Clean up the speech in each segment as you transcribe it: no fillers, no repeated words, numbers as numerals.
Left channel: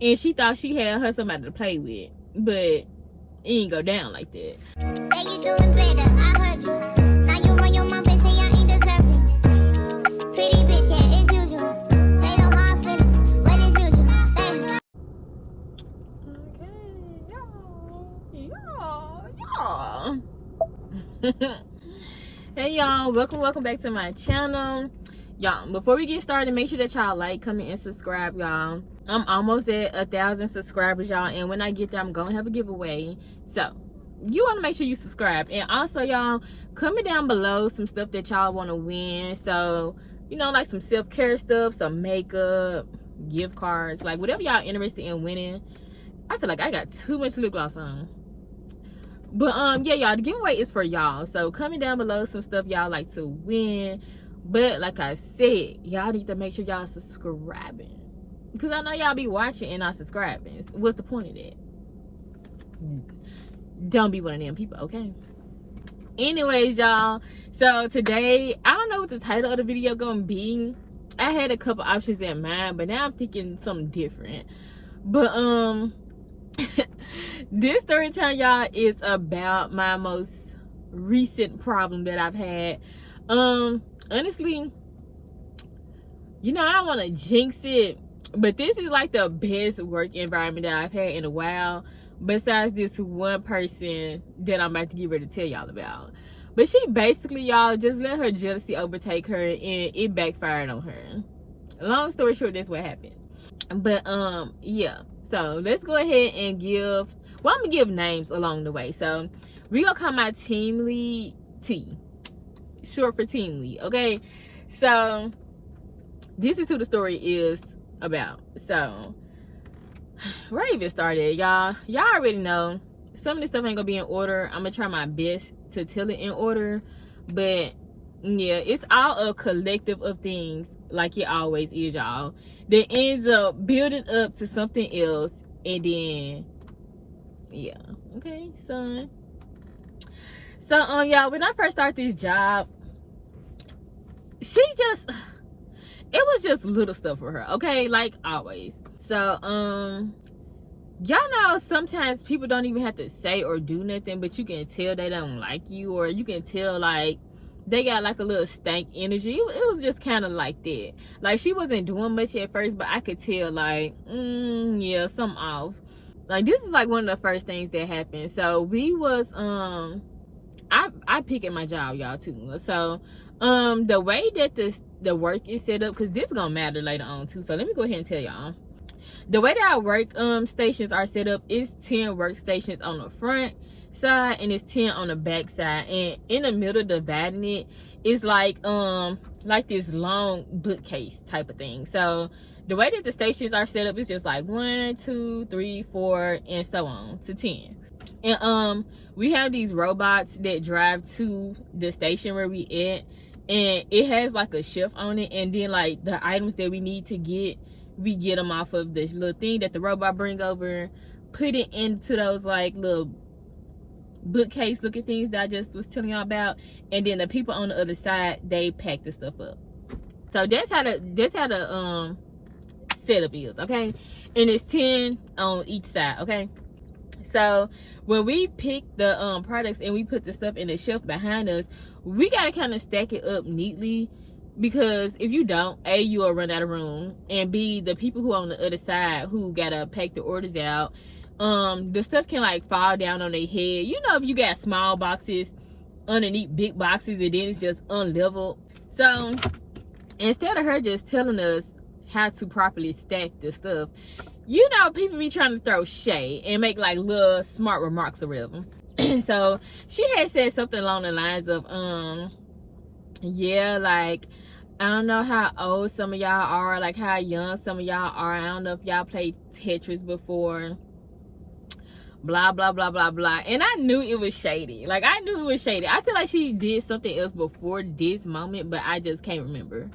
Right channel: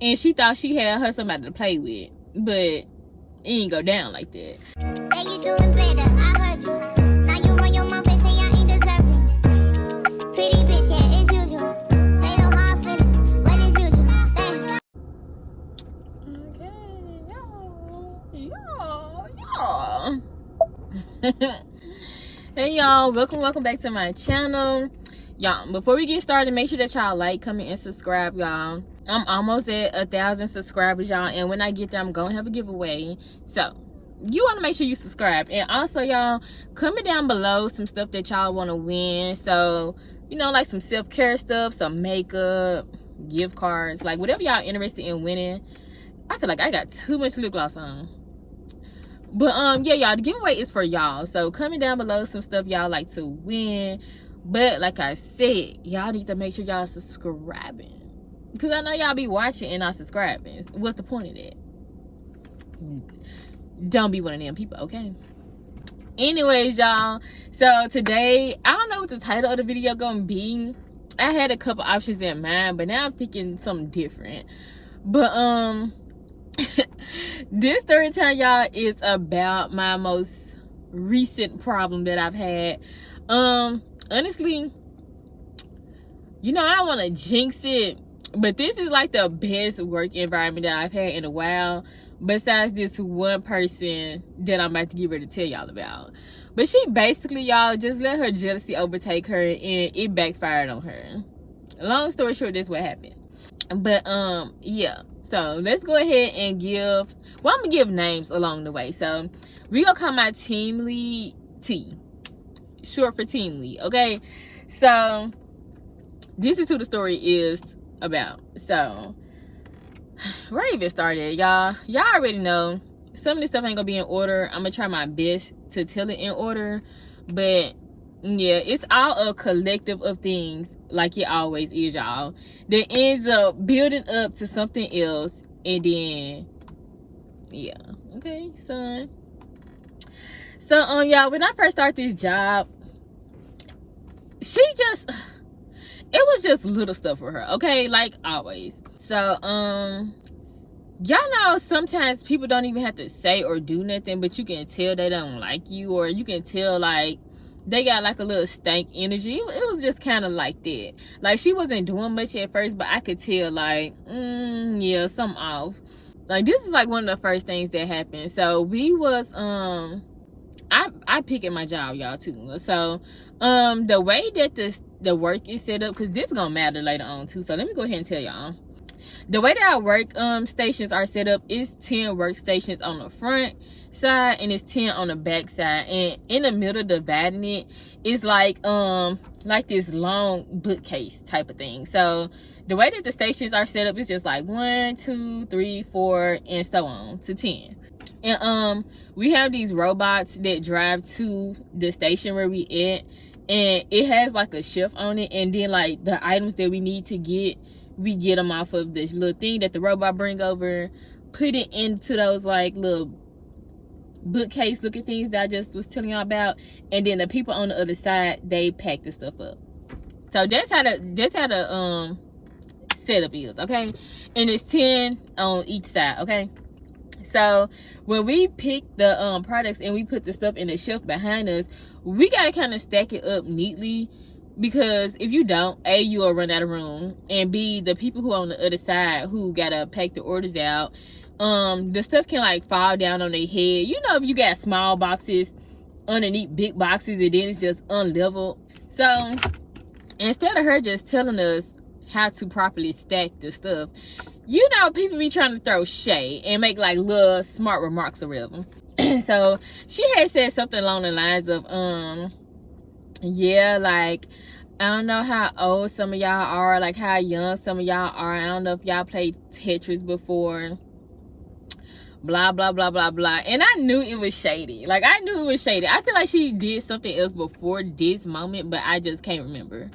and she thought she had her somebody to play with, but it ain't go down like that. Say you doing better, I heard you. Now you run your mouth and say I ain't deserving. Pretty bitch, yeah, it's usual. Say no hard feelings, but it's mutual. Damn. Okay, y'all. Hey y'all, welcome back to my channel. Y'all, before we get started, make sure that y'all like, comment, and subscribe, y'all. I'm almost at 1,000 subscribers, y'all, and when I get there, I'm gonna have a giveaway. So you want to make sure you subscribe, and also y'all comment down below some stuff that y'all want to win. So, you know, like some self-care stuff, some makeup, gift cards, like whatever y'all interested in winning. I feel like I got too much lip gloss on. But yeah, y'all, the giveaway is for y'all. So comment down below some stuff y'all like to win. But like I said, y'all need to make sure y'all subscribing, because I know y'all be watching and not subscribing. What's the point of that? Don't be one of them people, okay? Anyways, y'all, so today, I don't know what the title of the video gonna be. I had a couple options in mind, but now I'm thinking something different. But this story time, y'all, is about my most recent problem that I've had. Honestly, you know, I don't want to jinx it, but this is like the best work environment that I've had in a while, besides this one person that I'm about to get ready to tell y'all about. But she basically, y'all, just let her jealousy overtake her, and it backfired on her. Long story short, that's what happened. But yeah, so let's go ahead and give, well, I'm gonna give names along the way. So we gonna call my team lead T, short for team lead, okay? So this is who the story is about. So where even started, y'all already know some of this stuff ain't gonna be in order. I'm gonna try my best to tell it in order, but yeah, it's all a collective of things, like it always is, y'all, that ends up building up to something else. And then yeah, okay, son. So y'all, when I first started this job, it was just little stuff for her, okay, like always. So y'all know sometimes people don't even have to say or do nothing, but you can tell they don't like you, or you can tell like they got like a little stank energy. It was just kind of like that. Like she wasn't doing much at first, but I could tell like yeah, something off. Like this is like one of the first things that happened. So we was I pick at my job, y'all, too. So the way that the work is set up, because this is gonna matter later on too, so let me go ahead and tell y'all. The way that our work stations are set up is 10 workstations on the front side and it's 10 on the back side, and in the middle dividing it is like this long bookcase type of thing. So the way that the stations are set up is just like 1, 2, 3, 4, and so on to 10. And we have these robots that drive to the station where we at, and it has like a shift on it, and then like the items that we need to get, we get them off of this little thing that the robot bring over, put it into those like little bookcase looking things that I just was telling y'all about, and then the people on the other side, they pack the stuff up. So that's how the setup is, okay? And it's 10 on each side, okay? So when we pick the products and we put the stuff in the shelf behind us, we gotta kind of stack it up neatly, because if you don't, A, you'll run out of room, and B, the people who on the other side who gotta pack the orders out, the stuff can like fall down on their head. You know, if you got small boxes underneath big boxes and then it's just unleveled. So instead of her just telling us how to properly stack the stuff, you know, people be trying to throw shade and make like little smart remarks or whatever. So she had said something along the lines of yeah, like, I don't know how old some of y'all are, like how young some of y'all are. I don't know if y'all played Tetris before, blah blah blah blah blah. And I knew it was shady. Like I knew it was shady. I feel like she did something else before this moment, but I just can't remember.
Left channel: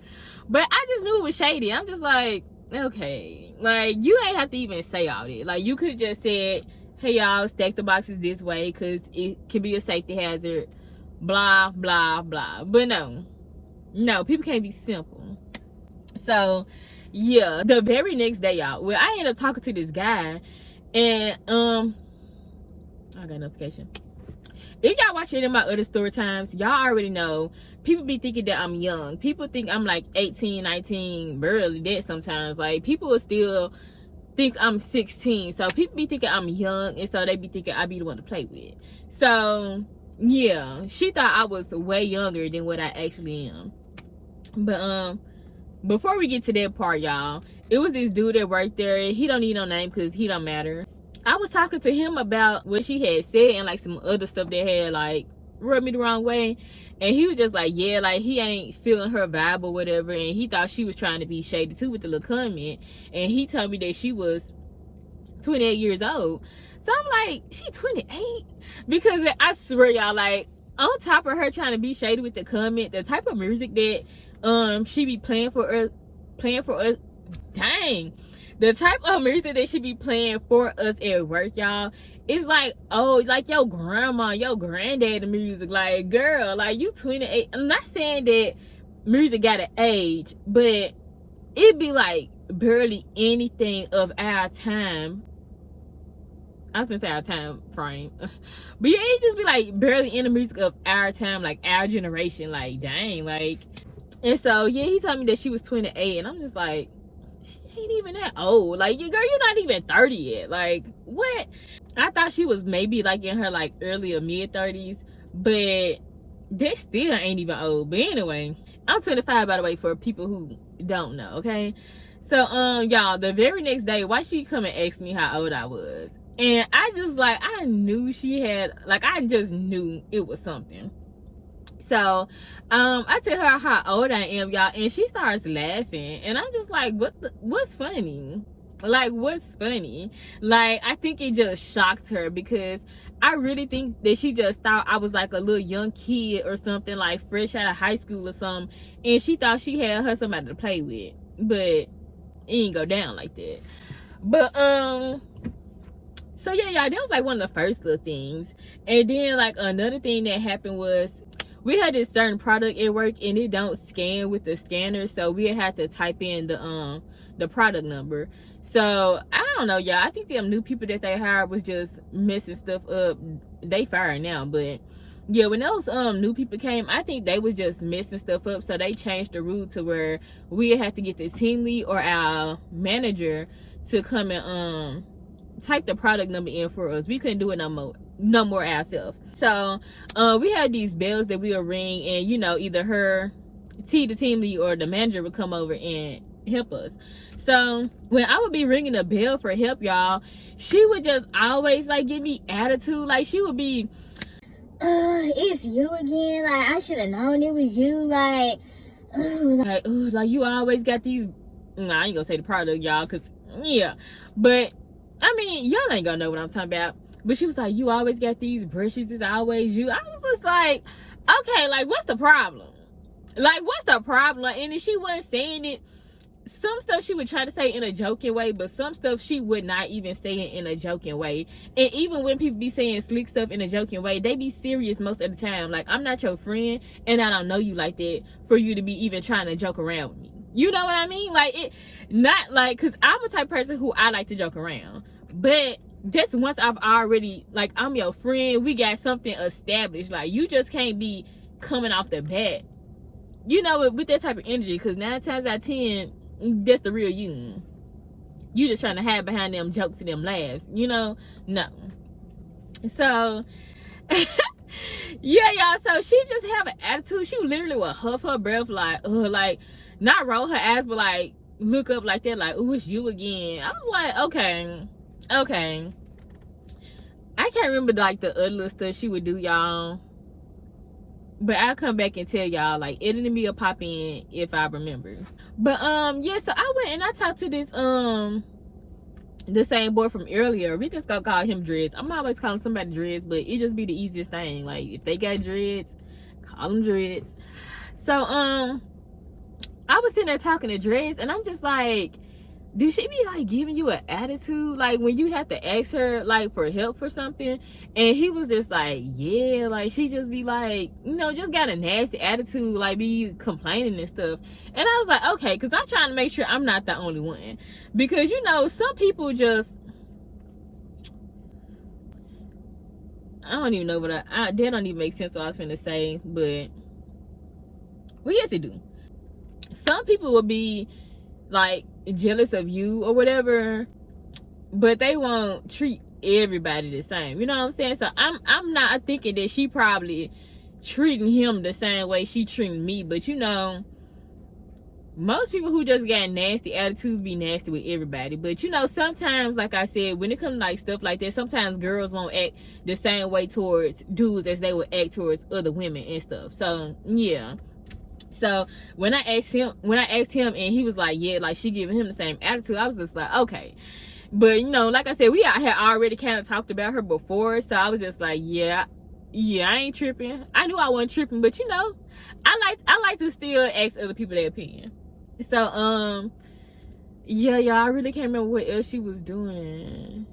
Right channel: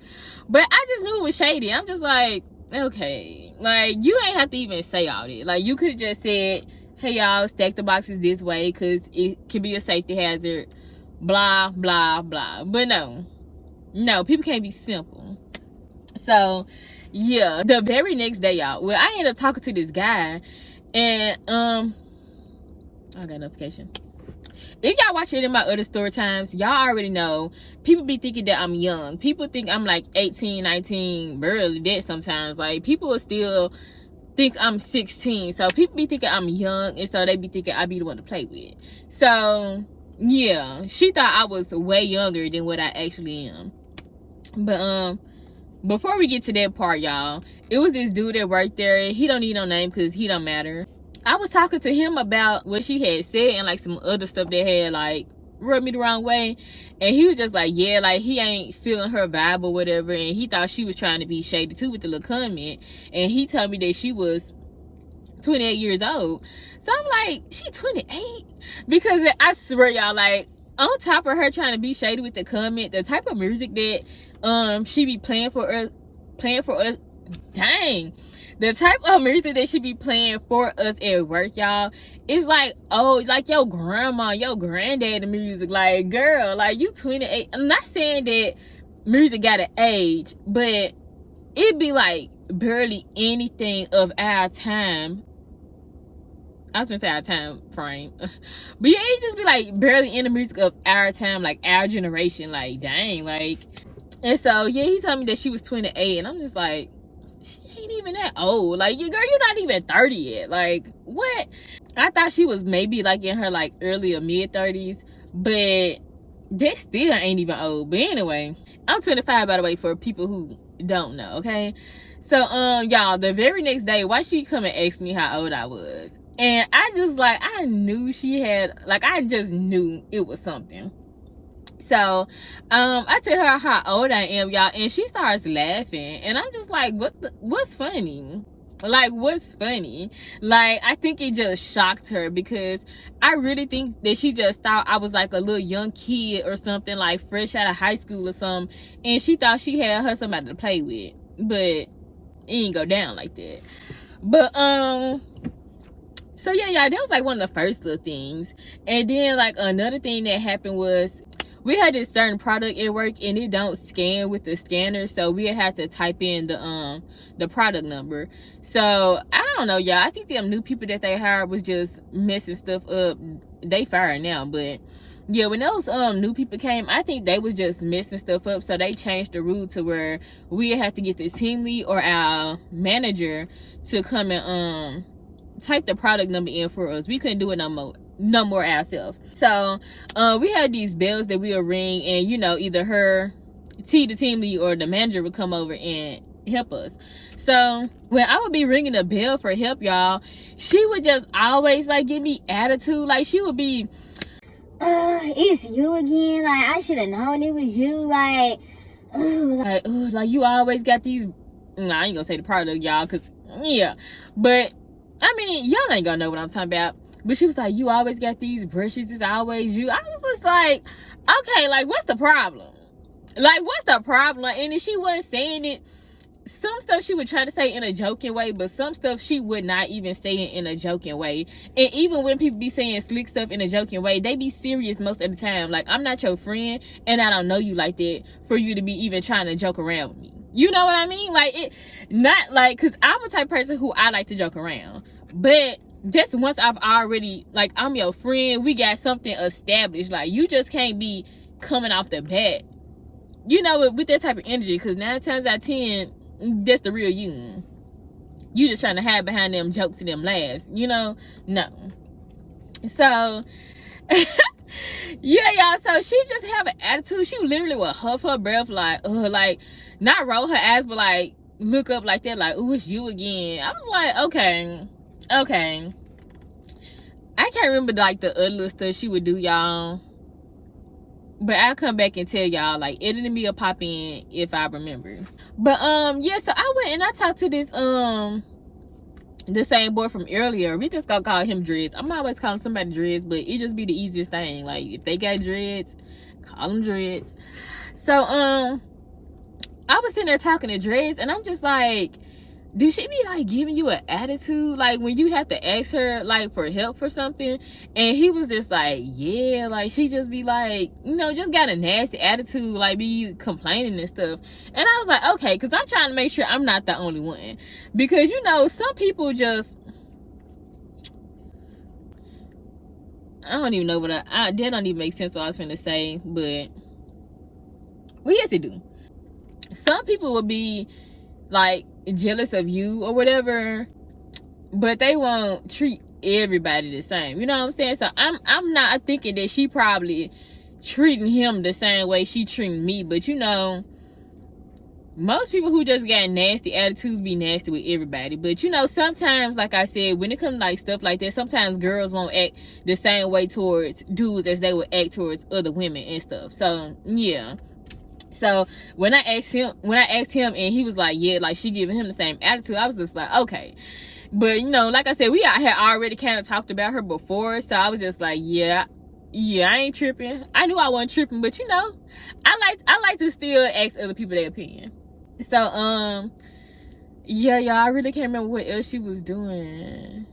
But I just knew it was shady. I'm just like, okay, like you ain't have to even say all that. Like you could have just said, hey y'all, stack the boxes this way because it could be a safety hazard, blah blah blah. But no, people can't be simple. So yeah, the very next day, y'all, well, I ended up talking to this guy, and I got a notification. If y'all watch any of my other story times, y'all already know people be thinking that I'm young. People think I'm like 18, 19, barely that sometimes. Like, people will still think I'm 16. So people be thinking I'm young, and so they be thinking I be the one to play with. So yeah, she thought I was way younger than what I actually am. But before we get to that part, y'all, it was this dude that worked there. He don't need no name because he don't matter. I was talking to him about what she had said and like some other stuff that had like rubbed me the wrong way, and he was just like, yeah, like he ain't feeling her vibe or whatever, and he thought she was trying to be shady too with the little comment, and he told me that she was 28 years old. So I'm like, she 28? Because I swear, y'all, like, on top of her trying to be shady with the comment, the type of music that she be playing for us, dang, the type of music that she be playing for us at work, y'all, is like, oh, like your grandma, your granddaddy music. Like, girl, like, you 28. I'm not saying that music got an age, but it be like barely anything of our time. I was gonna say our time frame, but yeah, it just be like barely in the music of our time, like our generation. Like, dang, like. And so yeah, he told me that she was 28, and I'm just like, she ain't even that old. Like, girl, you're not even 30 yet. Like, what? I thought she was maybe like in her like early or mid 30s, but that still ain't even old. But anyway, I'm 25, by the way, for people who don't know. Okay, so y'all, the very next day, why she come and ask me how old I was, and I just like, I knew she had, like, I just knew it was something. So I tell her how old I am, y'all, and she starts laughing, and I'm just like, what's funny? Like, what's funny? Like, I think it just shocked her, because I really think that she just thought I was like a little young kid or something, like fresh out of high school or something, and she thought she had her somebody to play with, but it ain't go down like that. But so yeah, y'all, that was like one of the first little things. And then like another thing that happened was, we had this certain product at work, and it don't scan with the scanner, so we had to type in the product number. So I don't know, y'all, I think them new people that they hired was just messing stuff up. They fired now, but yeah, when those new people came, I think they was just messing stuff up, so they changed the rule to where we had to get the team lead or our manager to come and type the product number in for us. We couldn't do it no more ourselves. So we had these bells that we would ring, and you know, either the team lead or the manager would come over and help us. So when I would be ringing the bell for help, y'all, she would just always like give me attitude. Like, she would be, it's you again. Like, I should have known it was you. like you always got these. Nah, I ain't gonna say the product, y'all, cause yeah, but I mean, y'all ain't gonna know what I'm talking about. But she was like, you always got these brushes, it's always you. I was just like, okay, like, what's the problem? Like, what's the problem? And if she wasn't saying it, some stuff she would try to say in a joking way, but some stuff she would not even say it in a joking way. And even when people be saying slick stuff in a joking way, they be serious most of the time. Like, I'm not your friend, and I don't know you like that for you to be even trying to joke around with me. You know what I mean? Like, it, not like, because I'm a type of person who I like to joke around, but just once I've already, like, I'm your friend, we got something established. Like, you just can't be coming off the bat, you know, with that type of energy, because 9 times out of 10, that's the real you. You just trying to hide behind them jokes and them laughs, you know? No. So yeah, y'all, so she just have an attitude. She literally would huff her breath, like, like, not roll her eyes, but like look up like that, like, oh, it's you again. I'm like, okay. I can't remember like the other little stuff she would do, y'all, but I'll come back and tell y'all, like, editing me will pop in if I remember. But yeah, so I went and I talked to this the same boy from earlier. We just gonna call him Dreads. I'm always calling somebody Dreads, but it just be the easiest thing. Like, if they got dreads, call them Dreads. So I was sitting there talking to Dreads, and I'm just like, do she be like giving you an attitude like when you have to ask her like for help for something? And he was just like, yeah, like she just be like, you know, just got a nasty attitude, like be complaining and stuff. And I was like, okay, because I'm trying to make sure I'm not the only one, because you know some people just, I don't even know what that don't even make sense what I was trying to say, but well, yes it do. Some people will be like jealous of you or whatever, but they won't treat everybody the same, you know what I'm saying? So I'm not thinking that she probably treating him the same way she treating me, but you know, most people who just got nasty attitudes be nasty with everybody. But you know, sometimes, like I said, when it comes to like stuff like that, sometimes girls won't act the same way towards dudes as they would act towards other women and stuff. So yeah. So when I asked him and he was like, yeah, like she giving him the same attitude, I was just like, okay. But you know, like I said, we had already kind of talked about her before, so I was just like, yeah, I ain't tripping. I knew I wasn't tripping, but you know, I like to still ask other people their opinion. So yeah, y'all, I really can't remember what else she was doing,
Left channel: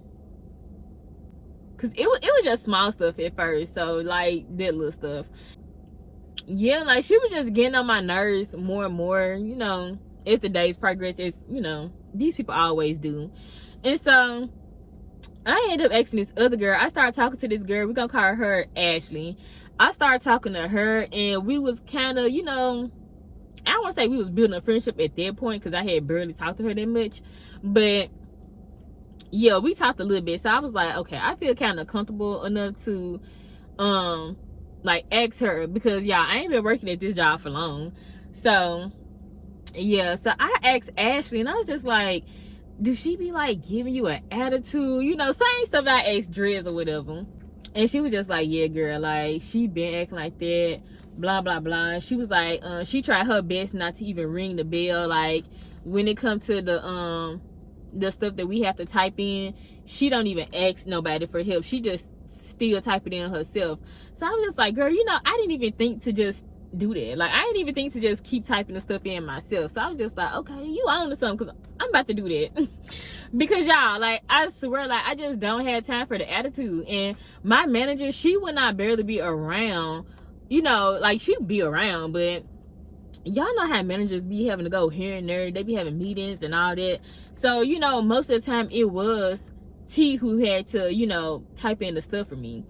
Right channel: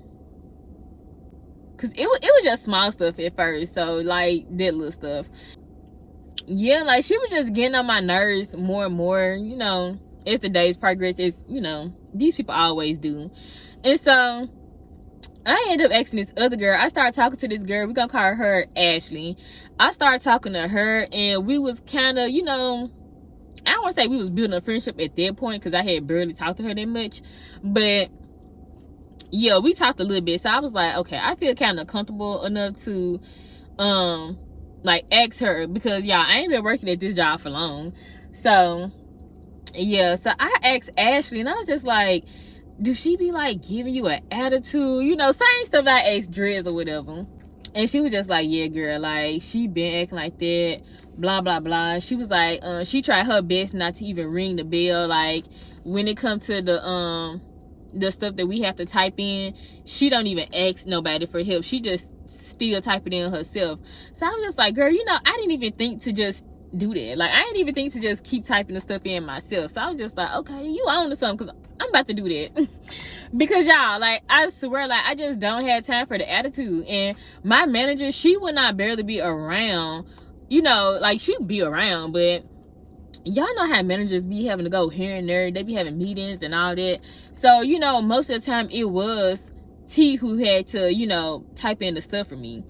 cause it was just small stuff at first. So like that little stuff. Yeah, like she was just getting on my nerves more and more, you know, as the days progress. It's, you know, these people always do. And so I ended up asking this other girl. I started talking to this girl. We're gonna call her Ashley. I started talking to her, and we was kind of, you know, I don't want to say we was building a friendship at that point, because I had barely talked to her that much, but yeah, we talked a little bit. So I was like, okay, I feel kind of comfortable enough to like ask her, because y'all, I ain't been working at this job for long. So yeah, so I asked Ashley, and I was just like, do she be like giving you an attitude, you know, same stuff I asked Drez or whatever. And she was just like, yeah girl, like she been acting like that, blah blah blah. She was like, she tried her best not to even ring the bell. Like when it comes to the stuff that we have to type in, she don't even ask nobody for help. She just still type it in herself. So I was just like, girl, you know, I didn't even think to just do that. Like I didn't even think to just keep typing the stuff in myself. So I was just like, okay, you on to something, because I'm about to do that. Because y'all, like I swear, like I just don't have time for the attitude. And my manager, she would not barely be around, you know, like she'd be around, but y'all know how managers be having to go here and there. They be having meetings and all that. So you know, most of the time it was T who had to, you know, type in the stuff for me.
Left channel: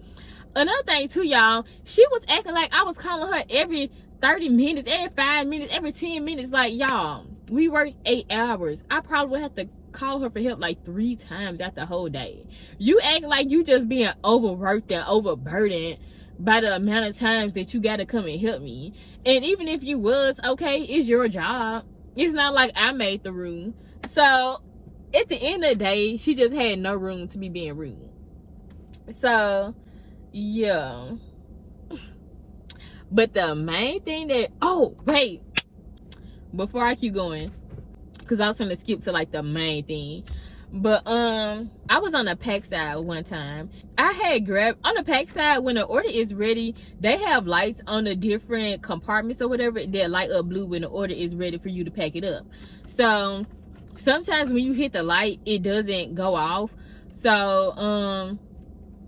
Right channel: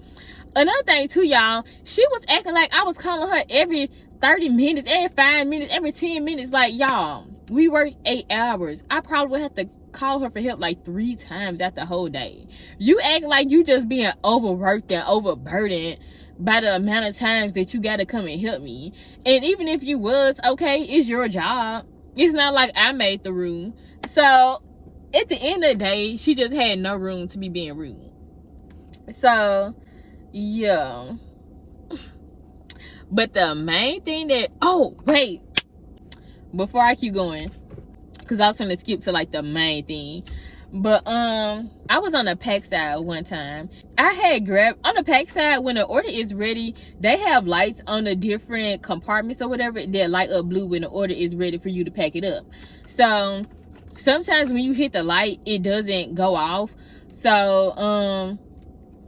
Another thing too, y'all, she was acting like I was calling her every 30 minutes, every 5 minutes, every 10 minutes. Like, y'all, we work 8 hours. I probably would have to call her for help like 3 times out the whole day. You act like you just being overworked and overburdened by the amount of times that you gotta come and help me. And even if you was, okay, it's your job. It's not like I made the room. So at the end of the day, she just had no room to be being rude. So yeah. But the main thing that, oh wait, before I keep going, because I was gonna skip to like the main thing, but I was on the pack side one time. I had grabbed on the pack side, when the order is ready, they have lights on the different compartments or whatever that light up blue when the order is ready for you to pack it up. So sometimes when you hit the light, it doesn't go off. So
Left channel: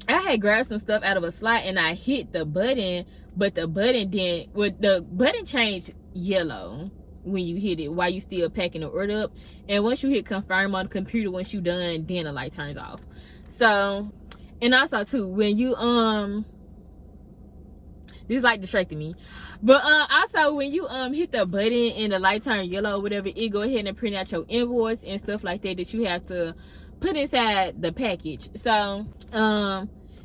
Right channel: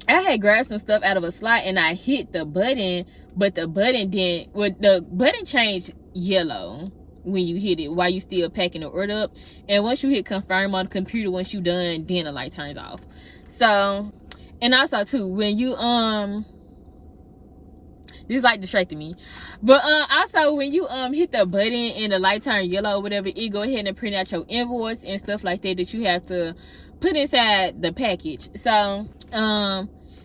I had grabbed some stuff out of a slot and I hit the button, but the button didn't, well, the button changed yellow when you hit it while you still packing the order up. And once you hit confirm on the computer, once you done, then the light turns off. So, and also too, when you this light distracted me, but also when you hit the button and the light turn yellow or whatever, it go ahead and print out your invoice and stuff like that you have to put inside the package. So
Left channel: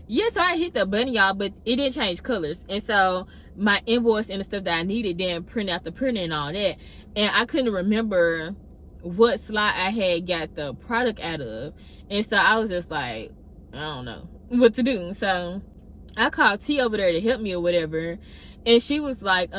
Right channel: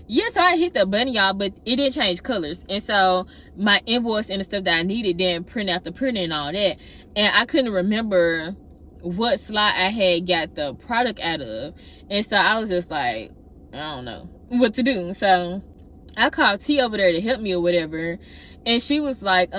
yeah, so I hit the button, y'all, but it didn't change colors. And so my invoice and the stuff that I needed didn't print out the printer and all that. And I couldn't remember what slot I had got the product out of. And so I was just like, I don't know what to do. So I called T over there to help me or whatever. And she was like,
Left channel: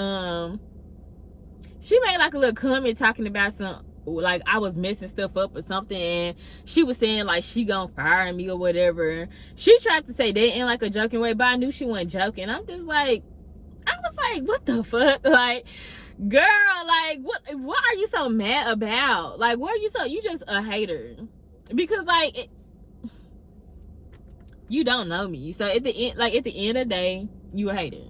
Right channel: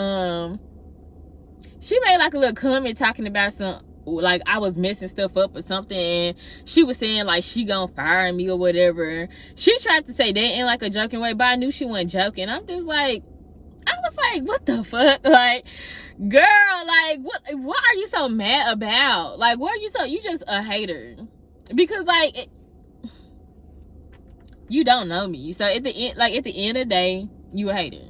she made like a little comment talking about some, like I was messing stuff up or something, and she was saying like she gonna fire me or whatever. She tried to say that in like a joking way, but I knew she wasn't joking. I'm just like, I was like, what the fuck? Like, Girl, like, what are you so mad about? Like, what are you you just a hater? Because, like, you don't know me. So, at the end of the day, you a hater.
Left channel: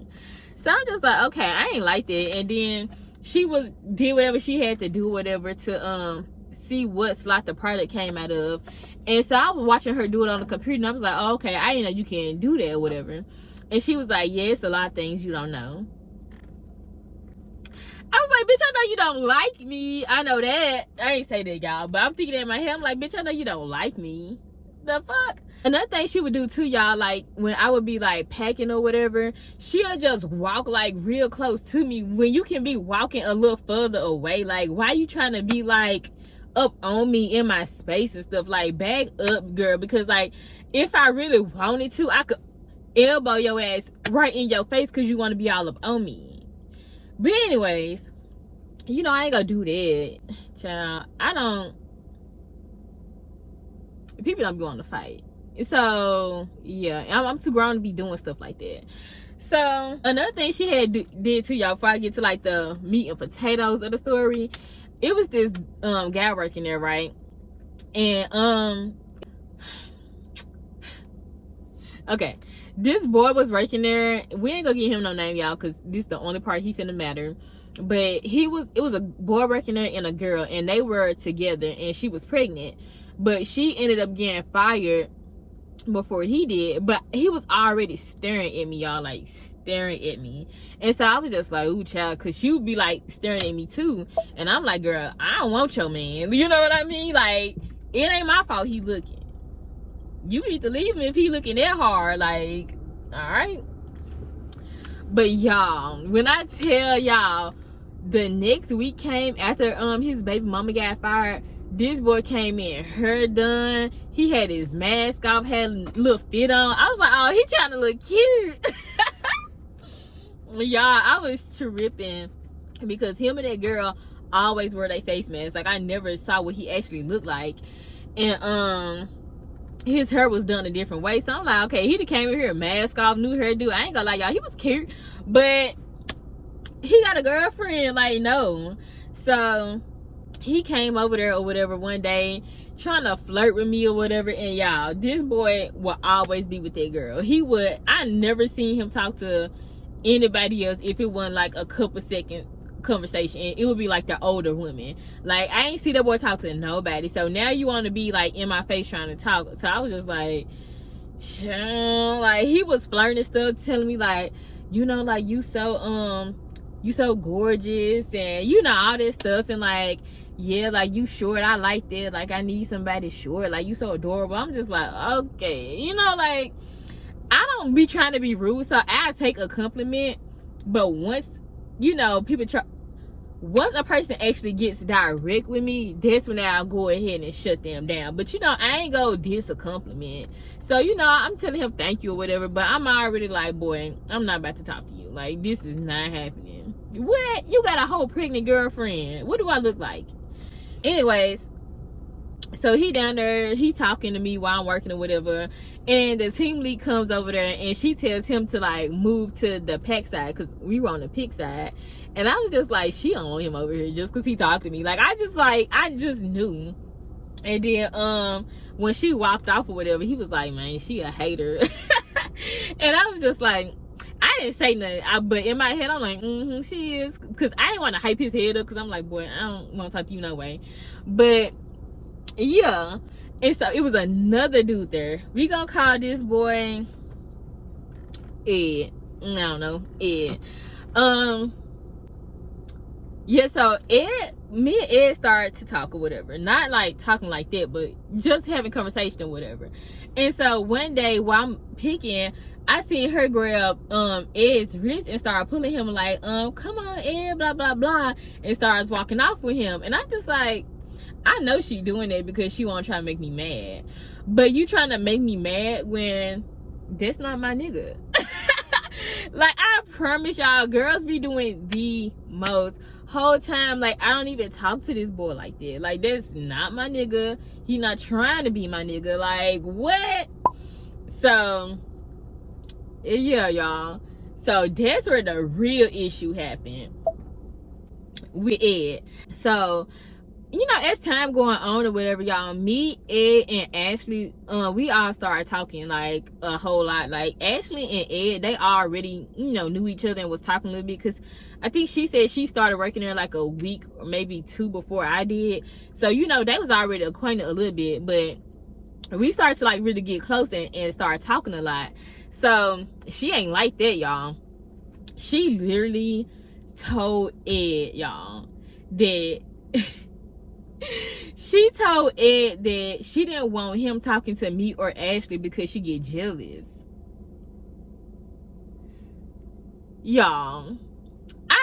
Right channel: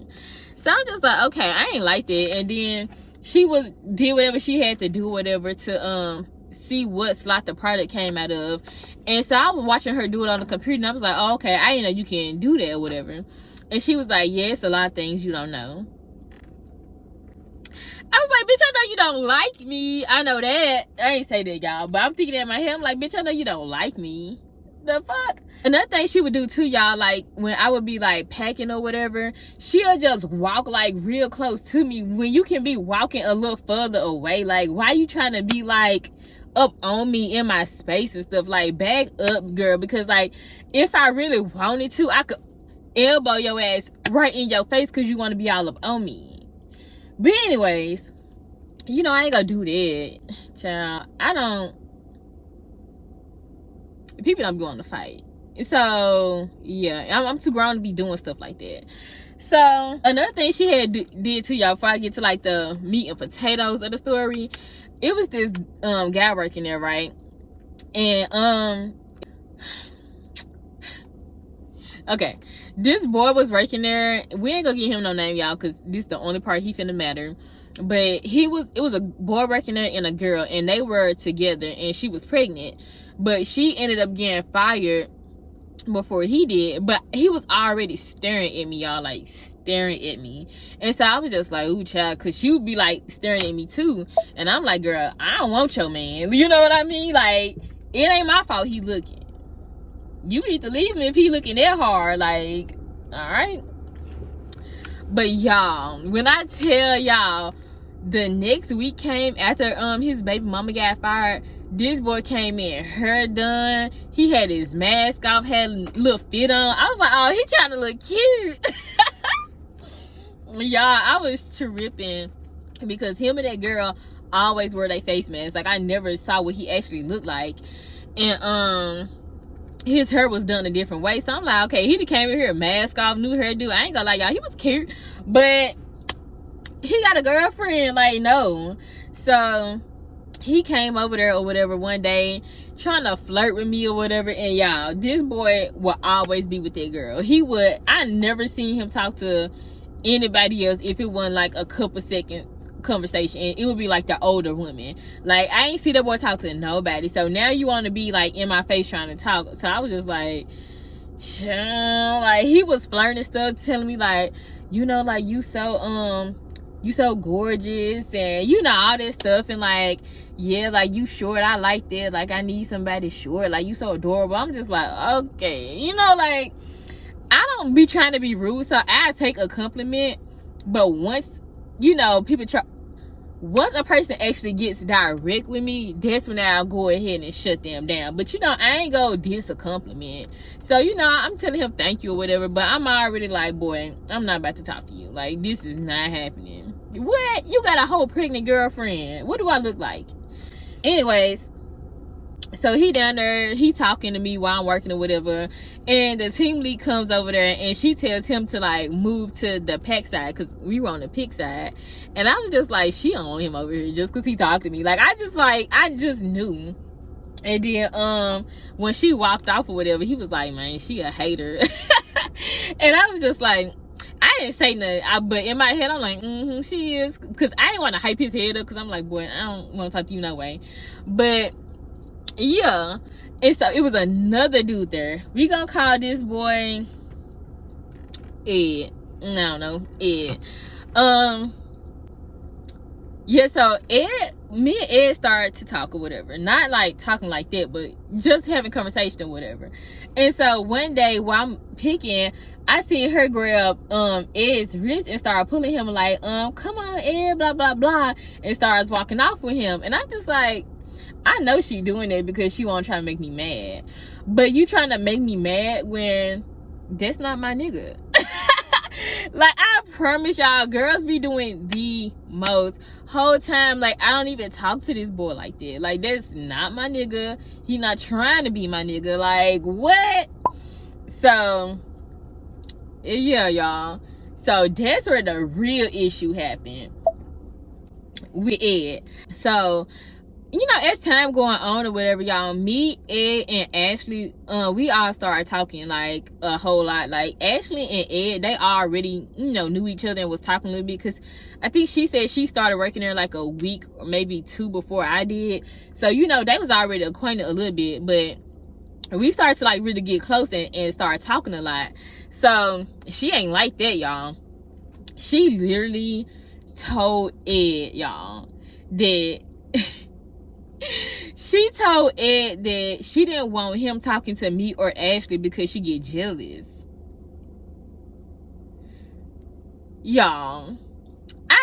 So, I'm just like, okay, I ain't like that. And then she did whatever she had to do, whatever, to, see what slot the product came out of. And so I was watching her do it on the computer, and I was like, oh, okay, I didn't know you can do that or whatever. And she was like, yeah, it's a lot of things you don't know. I was like, bitch, I know you don't like me. I know that. I ain't say that, y'all, but I'm thinking that in my head. I'm like, bitch, I know you don't like me. The fuck? Another thing she would do too, y'all, like when I would be like packing or whatever, she'll just walk like real close to me when you can be walking a little further away. Like, why you trying to be like up on me in my space and stuff? Like, back up, girl, because like if I really wanted to, I could elbow your ass right in your face because you want to be all up on me. But anyways, you know, I ain't gonna do that, child. People don't be wanting to fight. So yeah, I'm too grown to be doing stuff like that. So another thing she had did to y'all before I get to like the meat and potatoes of the story, it was this guy working there, right? And okay, this boy was working there. We ain't gonna give him no name, y'all, because this is the only part he finna matter. But it was a boy working there and a girl, and they were together, and she was pregnant. But she ended up getting fired before he did. But he was already staring at me, y'all, like staring at me. And so I was just like, ooh, child, because she would be like staring at me too. And I'm like, girl, I don't want your man. You know what I mean? Like, it ain't my fault he looking. You need to leave him if he looking that hard. Like, all right. But y'all, when I tell y'all, the next week came after his baby mama got fired. This boy came in, hair done. He had his mask off, had a little fit on. I was like, oh, he trying to look cute. Y'all, I was tripping because him and that girl always wear their face masks. Like, I never saw what he actually looked like. And his hair was done a different way. So I'm like, okay, he came in here, mask off, new hairdo. I ain't gonna lie, y'all, he was cute, but he got a girlfriend. Like, no. So he came over there or whatever one day trying to flirt with me or whatever. And y'all, this boy will always be with that girl. I never seen him talk to anybody else if it wasn't like a couple second conversation, and it would be like the older women. Like, I ain't see that boy talk to nobody. So now you want to be like in my face trying to talk. So I was just like, like, he was flirting and stuff, telling me like, you know, like, you so gorgeous, and you know, all this stuff. And like, yeah, like, you short, I like that. Like, I need somebody short. Like, you so adorable. I'm just like, okay, you know, like, I don't be trying to be rude, so I take a compliment. But once, you know, once a person actually gets direct with me, that's when I'll go ahead and shut them down. But you know, I ain't go diss a compliment. So, you know, I'm telling him thank you or whatever, but I'm already like, boy, I'm not about to talk to you. Like, this is not happening. What? You got a whole pregnant girlfriend. What do I look like? Anyways, so he down there, he talking to me while I'm working or whatever, and the team lead comes over there and she tells him to like move to the pack side because we were on the pick side. And I was just like, she don't want him over here just because he talked to me. Like, I just knew. And then when she walked off or whatever, he was like, man, she a hater. And I was just like, I didn't say nothing, but in my head I'm like, she is, because I didn't want to hype his head up because I'm like, boy, I don't want to talk to you no way. But yeah, and so it was another dude there. We gonna call this boy Ed. I don't know, Ed. Yeah, so me and Ed started to talk or whatever. Not like talking like that, but just having conversation or whatever. And so one day while I'm picking, I seen her grab Ed's wrist and start pulling him like, come on, Ed, blah, blah, blah, and starts walking off with him. And I'm just like, I know she doing it because she won't try to make me mad. But you trying to make me mad when that's not my nigga. Like, I promise y'all, girls be doing the most. Whole time, like, I don't even talk to this boy like that. Like, that's not my nigga. He not trying to be my nigga. Like, what? So, yeah, y'all. So, that's where the real issue happened. with Ed. So, you know, as time going on or whatever, y'all, me, Ed, and Ashley, we all started talking like a whole lot. Like Ashley and Ed, they already, you know, knew each other and was talking a little bit, because I think she said she started working there like a week or maybe 2 before I did. So, you know, they was already acquainted a little bit, but we started to like really get close and start talking a lot. So she ain't like that, y'all. She literally told Ed, y'all, that she told Ed that she didn't want him talking to me or Ashley because she get jealous. Y'all,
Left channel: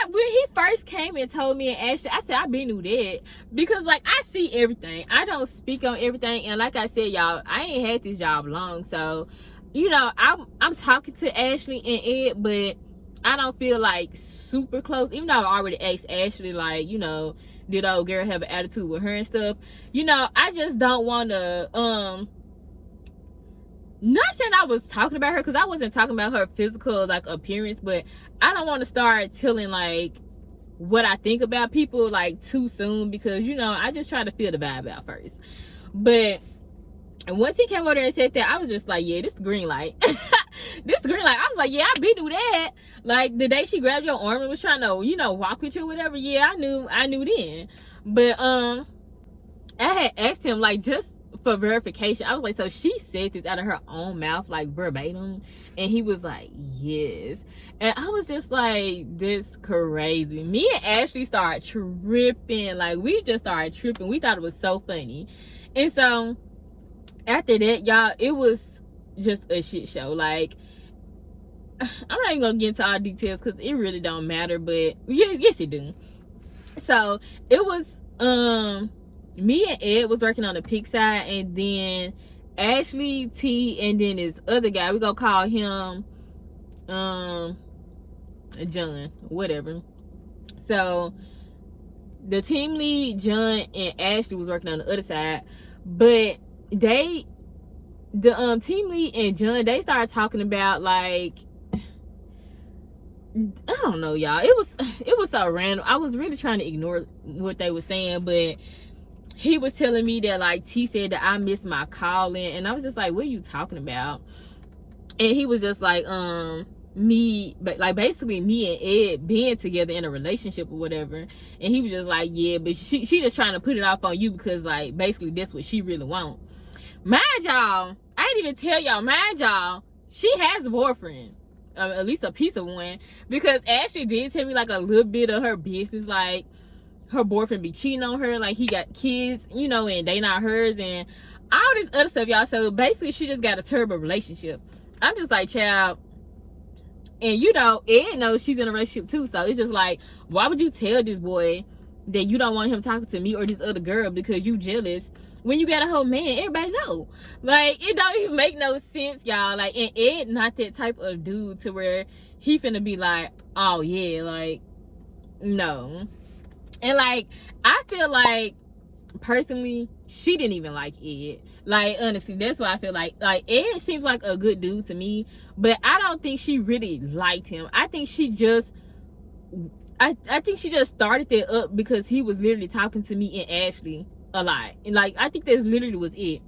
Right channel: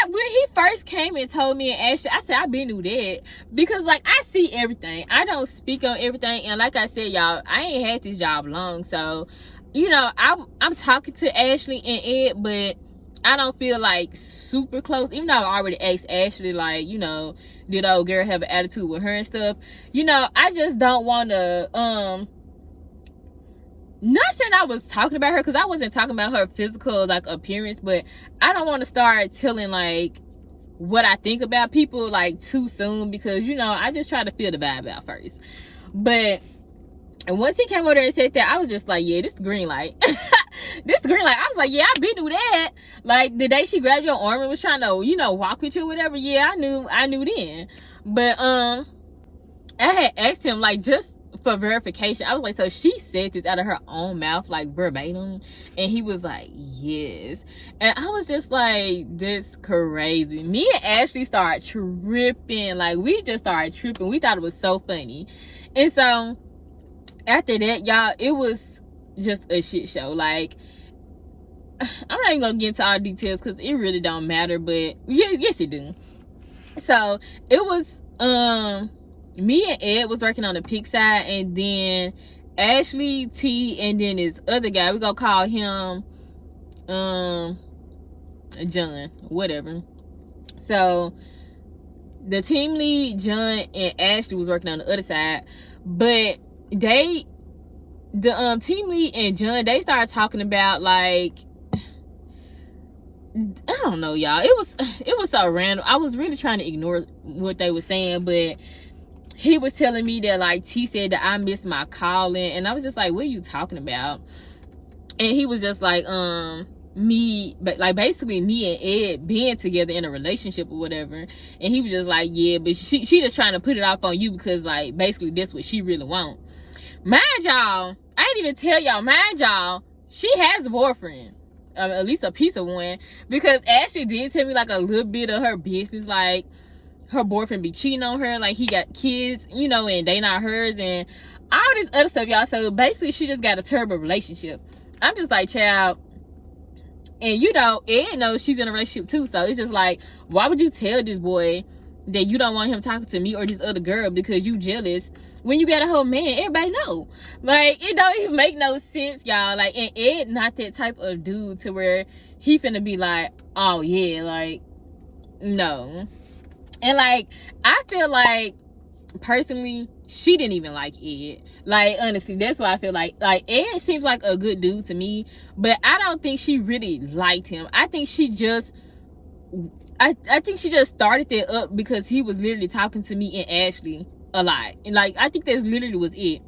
when he first came and told me and Ashley, I said I been knew that, because like I see everything. I don't speak on everything, and like I said, y'all, I ain't had this job long, so you know I'm talking to Ashley and Ed, but I don't feel like super close. Even though I already asked Ashley, like, you know, did old girl have an attitude with her and stuff? You know, I just don't want to not saying I was talking about her, because I wasn't talking about her physical like appearance, but I don't want to start telling like what I think about people like too soon, because you know I just try to feel the vibe out first. But once he came over there and said that, I was just like, yeah, this green light. This green light. I was like, yeah, I been knew that. Like the day she grabbed your arm and was trying to, you know, walk with you or whatever, yeah, I knew then. But I had asked him like just for verification. I was like, so she said this out of her own mouth, like verbatim? And he was like, yes. And I was just like, this crazy. Me and Ashley started tripping. Like we just started tripping. We thought it was so funny. And so after that, y'all, it was just a shit show. Like I'm not even gonna get into all details because it really don't matter, but yes it do. So it was me and Ed was working on the pig side, and then Ashley, T, and then this other guy, we gonna call him John, whatever. So the team lead, John, and Ashley was working on the other side, but the team lead and John, they started talking about like, I don't know, y'all, it was so random. I was really trying to ignore what they were saying, but he was telling me that like T said that I missed my calling, and I was just like, what are you talking about? And he was just like, me, but like basically me and Ed being together in a relationship or whatever. And he was just like, yeah, but she just trying to put it off on you because like basically that's what she really want. Mind y'all, I didn't even tell y'all, mind y'all, she has a boyfriend, at least a piece of one, because Ashley did tell me like a little bit of her business, like her boyfriend be cheating on her, like he got kids, you know, and they not hers, and all this other stuff, y'all. So basically she just got a terrible relationship. I'm just like, child, and you know, Ed knows she's in a relationship too, so it's just like, why would you tell this boy that you don't want him talking to me or this other girl because you jealous when you got a whole man? Everybody know. Like, it don't even make no sense, y'all. Like, and Ed not that type of dude to where he finna be like, oh yeah, like, no. And like, I feel like personally she didn't even like Ed. Like, honestly, that's why I feel like Ed seems like a good dude to me, but I don't think she really liked him. I think she just I think she just started that up because he was literally talking to me and Ashley a lot, and like I think that's literally was it.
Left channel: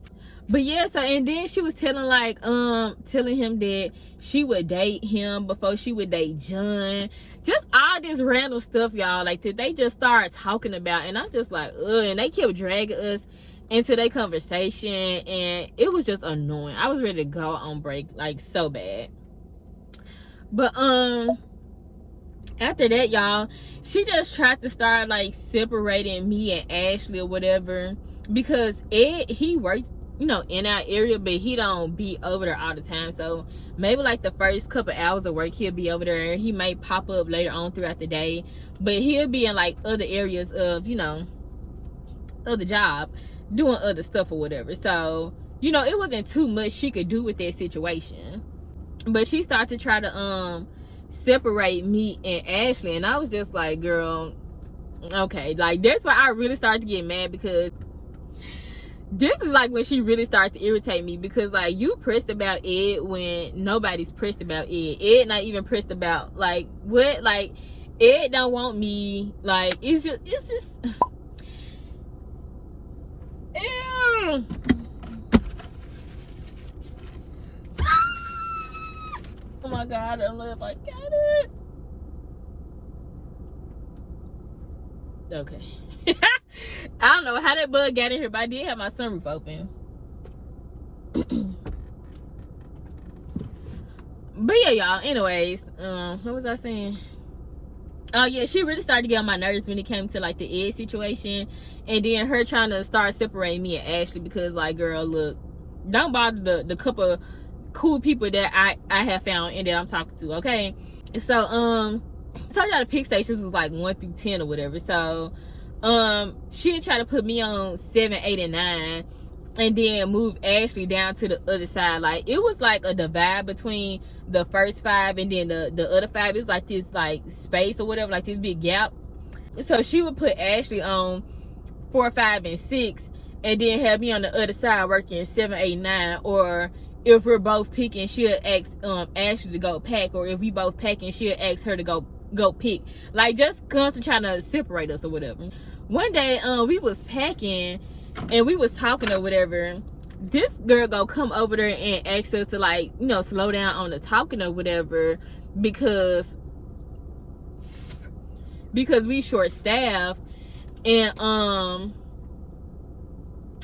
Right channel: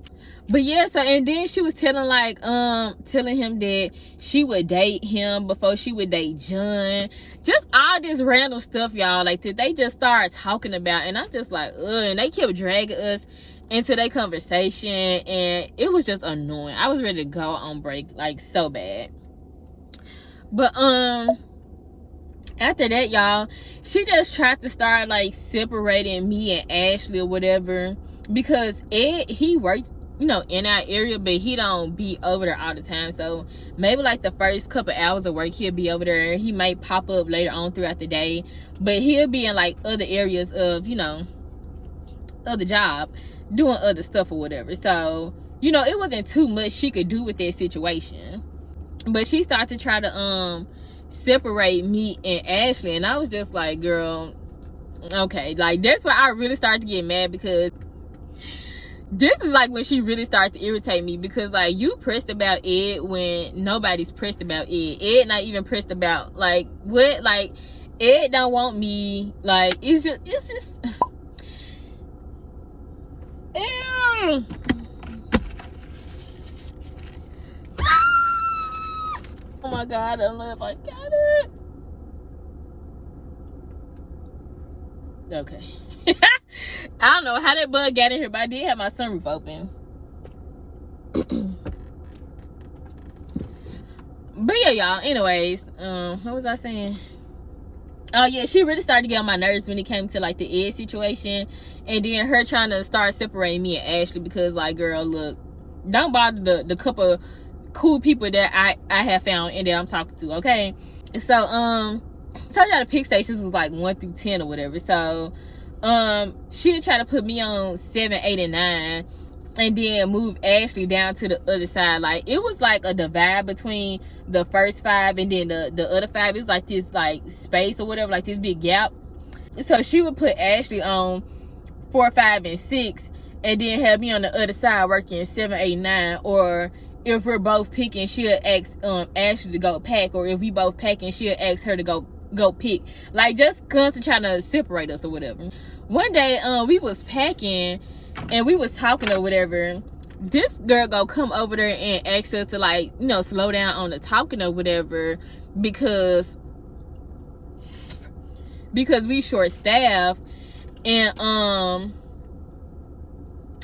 But yeah, so and then she was telling like telling him that she would date him before she would date John. Just all this random stuff, y'all, like that they just started talking about, and I'm just like, ugh. And they kept dragging us into their conversation, and it was just annoying. I was ready to go on break like so bad. But after that, y'all, she just tried to start like separating me and Ashley or whatever, because Ed, he worked, you know, in our area, but he don't be over there all the time. So maybe like the first couple hours of work he'll be over there. He might pop up later on throughout the day, but he'll be in like other areas of, you know, other job, doing other stuff or whatever. So, you know, it wasn't too much she could do with that situation. But she started to try to separate me and Ashley, and I was just like, girl, okay. Like, that's why I really started to get mad, because this is like when she really started to irritate me, because like, you pressed about Ed when nobody's pressed about Ed. Ed not even pressed about, like, what? Like, Ed don't want me. Like, it's just ew. Oh my god, I don't know if I got it. Okay. I don't know how that bug got in here, but I did have my sunroof open. But yeah, y'all, anyways, what was I saying? Oh yeah, she really started to get on my nerves when it came to like the Ed situation, and then her trying to start separating me and Ashley, because like, girl, look, don't bother the couple cool people that I have found and that I'm talking to, okay? So I told y'all the pick stations was like 1 through 10 or whatever. So she'd try to put me on 7, 8, and 9, and then move Ashley down to the other side. Like, it was like a divide between the first 5 and then the other 5. It's like this like space or whatever, like this big gap. So she would put Ashley on 4, 5, and 6, and then have me on the other side working 7, 8, 9. Or if we're both picking, she'll ask Ashley to go pack, or if we both packing, she'll ask her to go pick. Like, just constantly trying to separate us or whatever. One day we was packing and we was talking or whatever. This girl go come over there and ask us to, like, you know, slow down on the talking or whatever, because we short staffed. And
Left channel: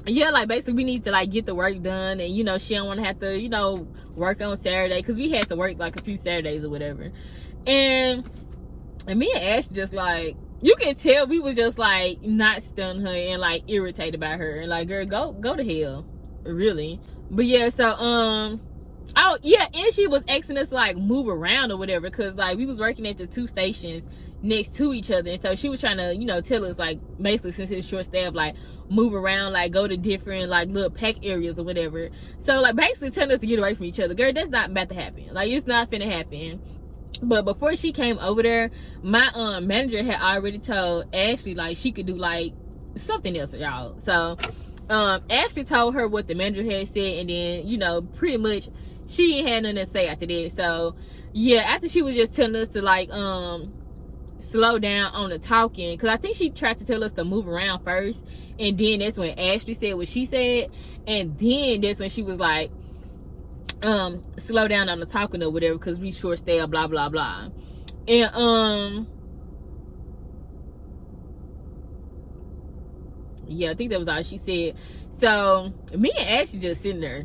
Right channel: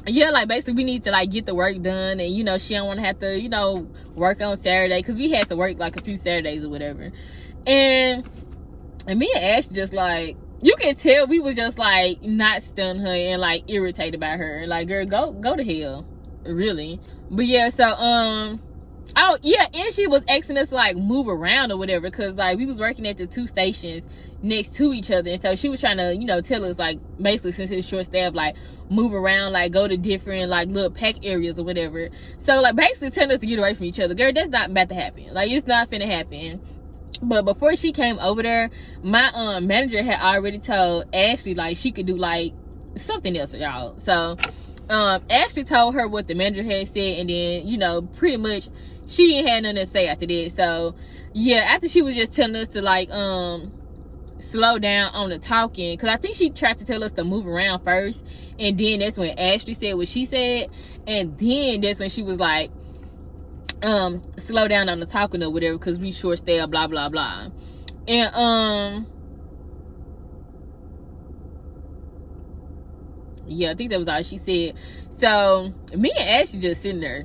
yeah, like, basically we need to like get the work done, and you know, she don't want to have to, you know, work on Saturday, because we had to work like a few Saturdays or whatever. And me and Ash just, like, you can tell we was just like not stunned her and like irritated by her. Like, girl, go to hell, really. But yeah, so oh yeah, and she was asking us to like move around or whatever, because like we was working at the 2 stations next to each other, and so she was trying to, you know, tell us, like, basically, since it's short staff, like, move around, like, go to different like little pack areas or whatever. So like, basically telling us to get away from each other. Girl, that's not about to happen. Like, it's not finna happen. But before she came over there, my manager had already told Ashley like she could do like something else, y'all. So Ashley told her what the manager had said, and then, you know, pretty much she ain't had nothing to say after that. So yeah, after she was just telling us to like slow down on the talking, because I think she tried to tell us to move around first, and then that's when Ashley said what she said, and then that's when she was like, slow down on the talking or whatever, because we short staff, blah blah blah. And yeah, I think that was all she said. So me and Ashley just sitting there,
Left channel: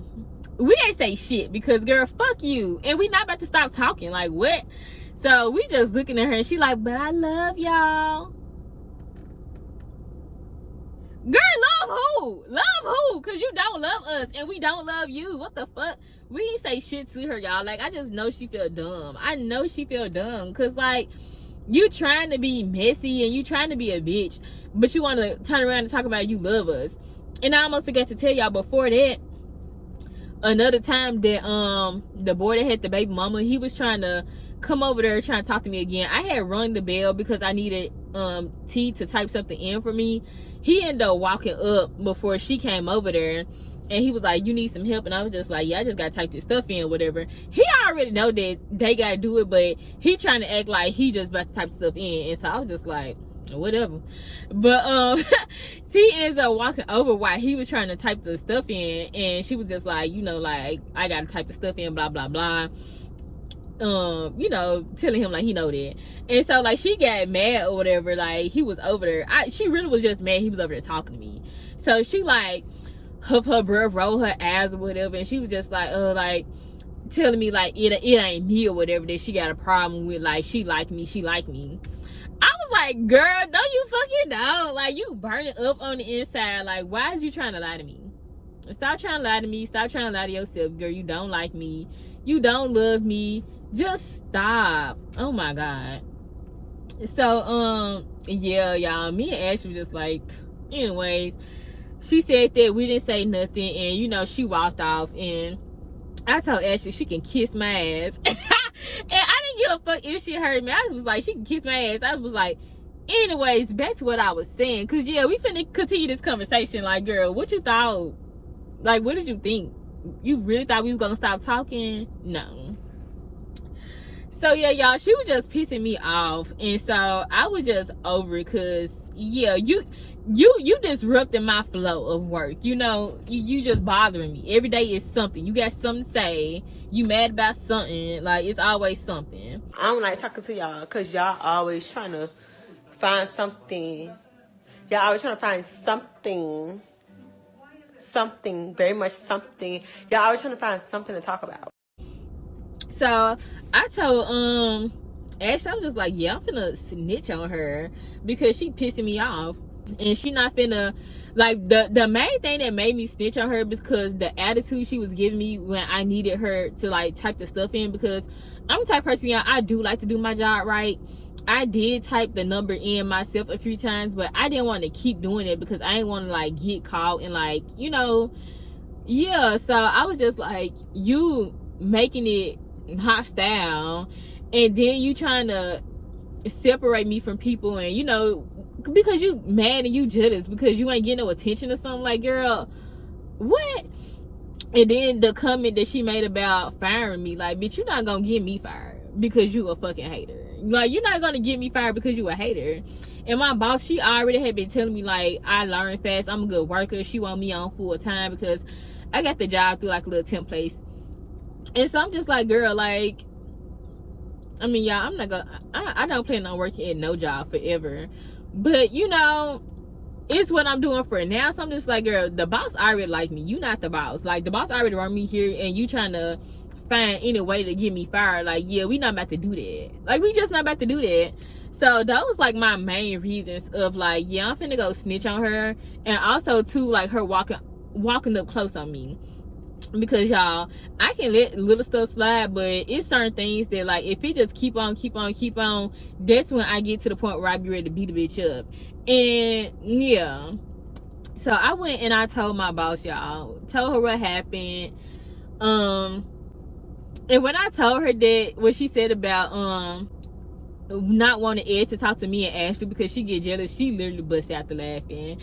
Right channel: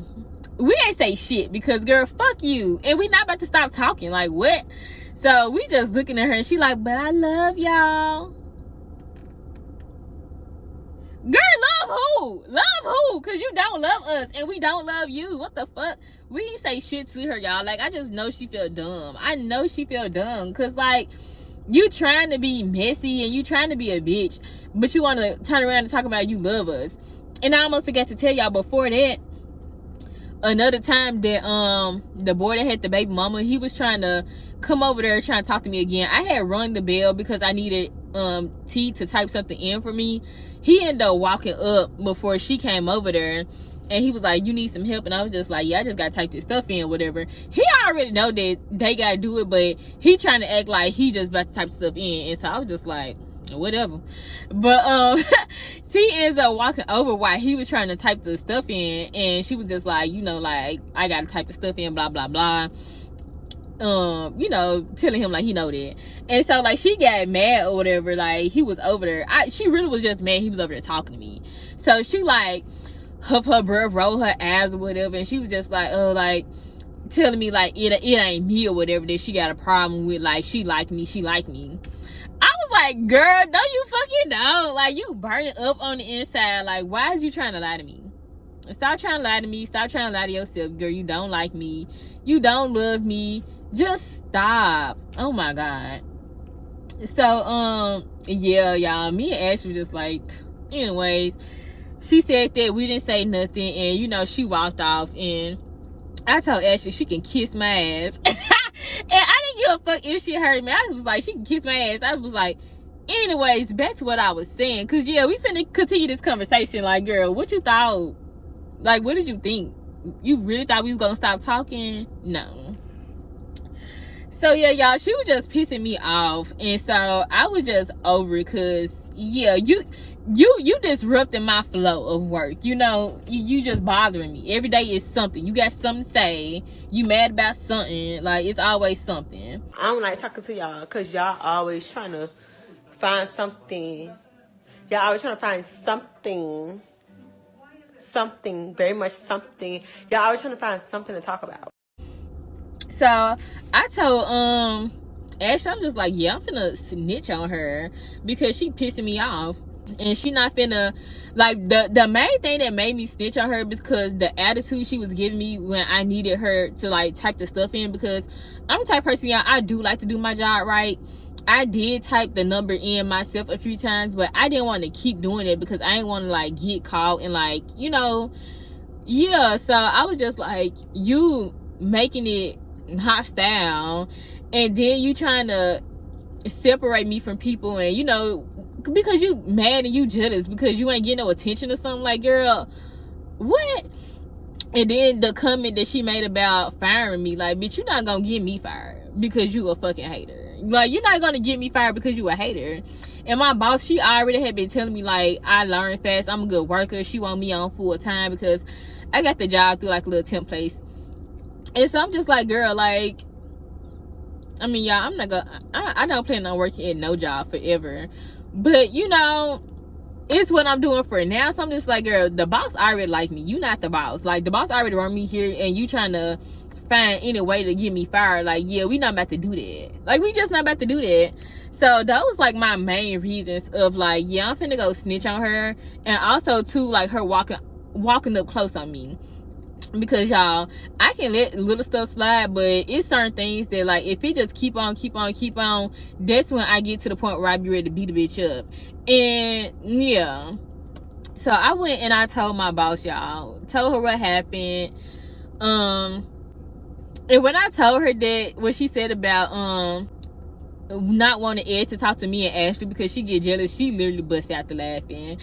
we ain't say shit, because girl, fuck you, and we not about to stop talking. Like, what? So we just looking at her, and she like, but I love y'all. Girl, love who? Love who? Because you don't love us, and we don't love you. What the fuck? We ain't say shit to her, y'all. Like, I just know she feel dumb. I know she feel dumb, because like, you trying to be messy and you trying to be a bitch, but you want to turn around and talk about you love us. And I almost forgot to tell y'all before that, another time that the boy that had the baby mama, he was trying to come over there trying to talk to me again. I had rung the bell because I needed T to type something in for me. He ended up walking up before she came over there, and he was like, you need some help? And I was just like, yeah, I just gotta type this stuff in, whatever. He already know that they gotta do it, but he trying to act like he just about to type stuff in. And so I was just like, whatever. But T ends up walking over while he was trying to type the stuff in, and she was just like, you know, like, I gotta type the stuff in, blah blah blah. You know, telling him like he know that. And so like, she got mad or whatever, like he was over there. She really was just mad he was over there talking to me. So she like huff her breath, roll her eyes or whatever, and she was just like, like telling me like it ain't me or whatever, that she got a problem with, like, she like me. I was like, girl, no you fucking don't. Like, you burning up on the inside. Like, why is you trying to lie to me? Stop trying to lie to me. Stop trying to lie to yourself, girl. You don't like me. You don't love me. Just stop. Oh my god. So yeah, y'all, me and Ash was just like, anyways, she said that we didn't say nothing, and you know, she walked off, and I told Ashley she can kiss my ass. And I didn't give a fuck if she heard me. I was like, she can kiss my ass. I was like, anyways, back to what I was saying, because yeah, we finna continue this conversation. Like, girl, what you thought? Like, what did you think? You really thought we was gonna stop talking? No. So yeah, y'all, she was just pissing me off, and so I was just over it, cause yeah, you disrupting my flow of work. You know, you just bothering me. Every day is something. You got something to say. You mad about something. Like, it's always something. I don't like talking to y'all because y'all always trying to find something. Y'all always trying to find something, very much something. Y'all always trying to find something to talk about. So I told Ashley, I'm just like, yeah, I'm finna snitch on her because she pissing me off, and she not finna, like, the main thing that made me snitch on her because the attitude she was giving me when I needed her to like type the stuff in, because I'm the type of person, yeah, I do like to do my job right. I did type the number in myself a few times, but I didn't want to keep doing it because I didn't want to like get caught and like, you know, yeah. So I was just like, you making it hostile, and then you trying to separate me from people, and you know, because you mad and you jealous because you ain't getting no attention or something. Like, girl, what? And then the comment that she made about firing me, like, bitch, you're not gonna get me fired because you a fucking hater. Like, you're not gonna get me fired because you a hater. And my boss, she already had been telling me, like, I learn fast, I'm a good worker, she want me on full time because I got the job through like a little temp place. And so I'm just like, girl, like, I mean, y'all, I'm not gonna, I don't plan on working at no job forever, but you know, it's what I'm doing for now. So I'm just like, girl, the boss already like me, you not the boss. Like, the boss already run me here, and you trying to find any way to get me fired. Like, yeah, we not about to do that. Like, we just not about to do that. So that was like my main reasons of like, yeah, I'm finna go snitch on her. And also too, like, her walking up close on me, because y'all, I can let little stuff slide, but it's certain things that, like, if it just keep on, that's when I get to the point where I be ready to beat the bitch up. And yeah, so I went and I told my boss, y'all, told her what happened. And when I told her that, what she said about not wanting Ed to talk to me and Ashley because she get jealous, she literally bust out the laughing.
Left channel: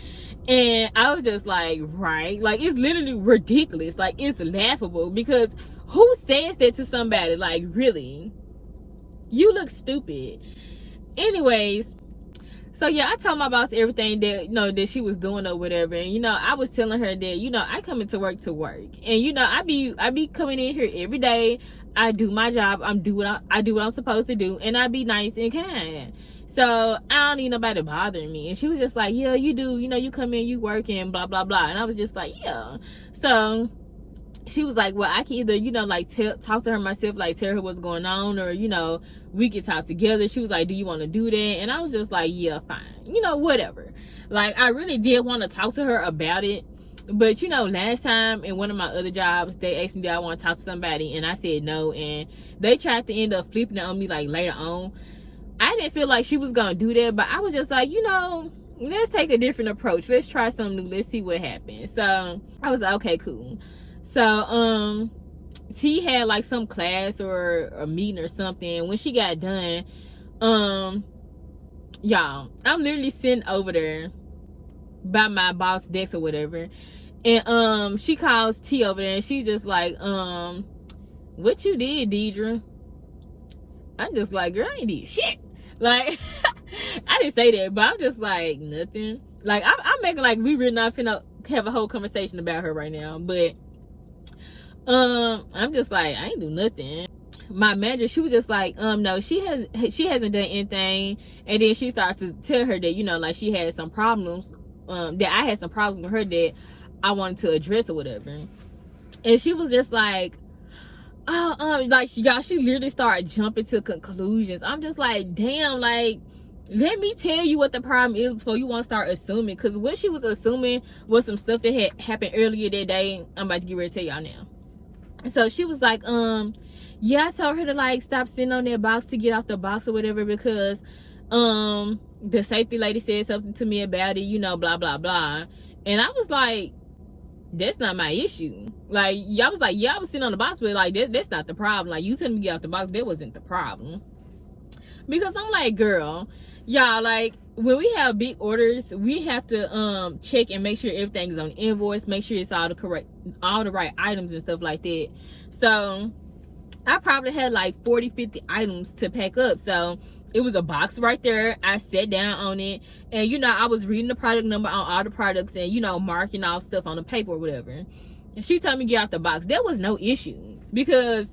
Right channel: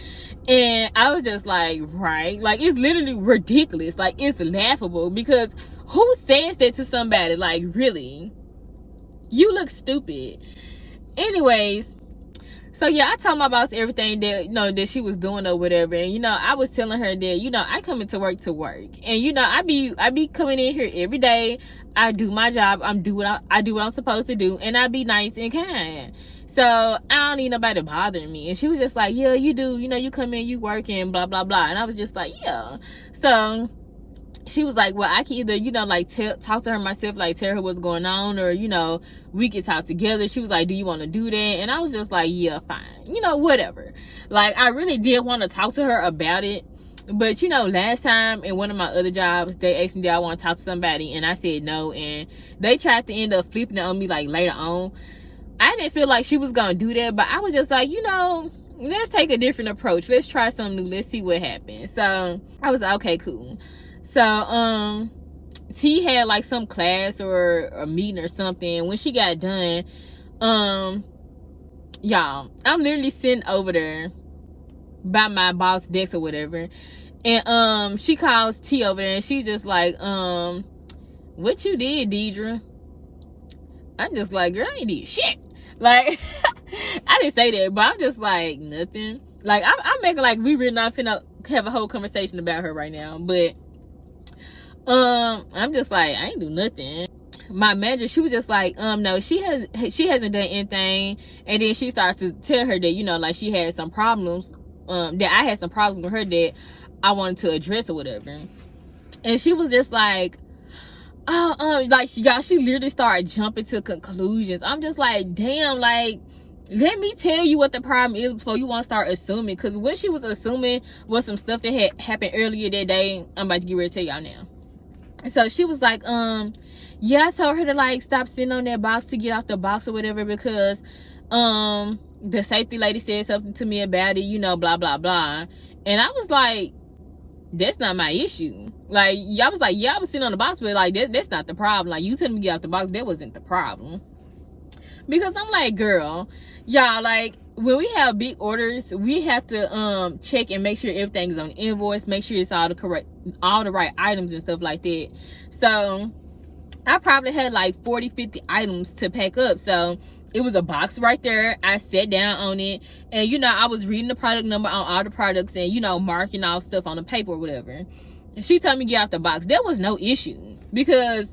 And I was just like, right, like, it's literally ridiculous. Like, it's laughable, because who says that to somebody? Like, really, you look stupid. Anyways, so yeah, I told my boss everything that, you know, that she was doing or whatever. And you know, I was telling her that, you know, I come into work to work, and you know, I be coming in here every day. I do my job. I do what I'm supposed to do, and I be nice and kind. So I don't need nobody bothering me. And she was just like, yeah, you do. You know, you come in, you work, and blah blah blah. And I was just like, yeah. So she was like, well, I can either, you know, like, talk to her myself, like, tell her what's going on, or, you know, we could talk together. She was like, do you want to do that? And I was just like, yeah, fine, you know, whatever. Like, I really did want to talk to her about it, but you know, last time in one of my other jobs, they asked me, did I want to talk to somebody, and I said no, and they tried to end up flipping it on me, like, later on. I didn't feel like she was gonna do that, but I was just like, you know, let's take a different approach, let's try something new, let's see what happens. So I was like, okay, cool. So T had like some class or a meeting or something. When she got done, y'all, I'm literally sitting over there by my boss desk or whatever, and she calls T over there, and she's just like, what you did, Deidre? I'm just like, girl, I ain't did shit. Like, I didn't say that, but I'm just like, nothing. Like, I'm making like we really not finna have a whole conversation about her right now, but I'm just like, I ain't do nothing. My manager, she was just like, no, she hasn't done anything. And then she started to tell her that, you know, like, she had some problems, that I had some problems with her that I wanted to address or whatever. And she was just like, like, y'all, she literally started jumping to conclusions. I'm just like, damn, like, let me tell you what the problem is before you want to start assuming. Because what she was assuming was some stuff that had happened earlier that day. I'm about to get ready to tell y'all now. So she was like, yeah, I told her to, like, stop sitting on that box, to get off the box or whatever, because the safety lady said something to me about it, you know, blah blah blah. And I was like, that's not my issue. Like, y'all was like, yeah, I was sitting on the box, but like, that's not the problem. Like, you telling me to get off the box, that wasn't the problem. Because I'm like, girl, y'all, like, when we have big orders, we have to check and make sure everything's on invoice, make sure it's all the right items and stuff like that. So I probably had like 40, 50 items to pack up. So it was a box right there. I sat down on it, and you know, I was reading the product number on all the products, and you know, marking off stuff on the paper or whatever. And she told me to get out the box. There was no issue, because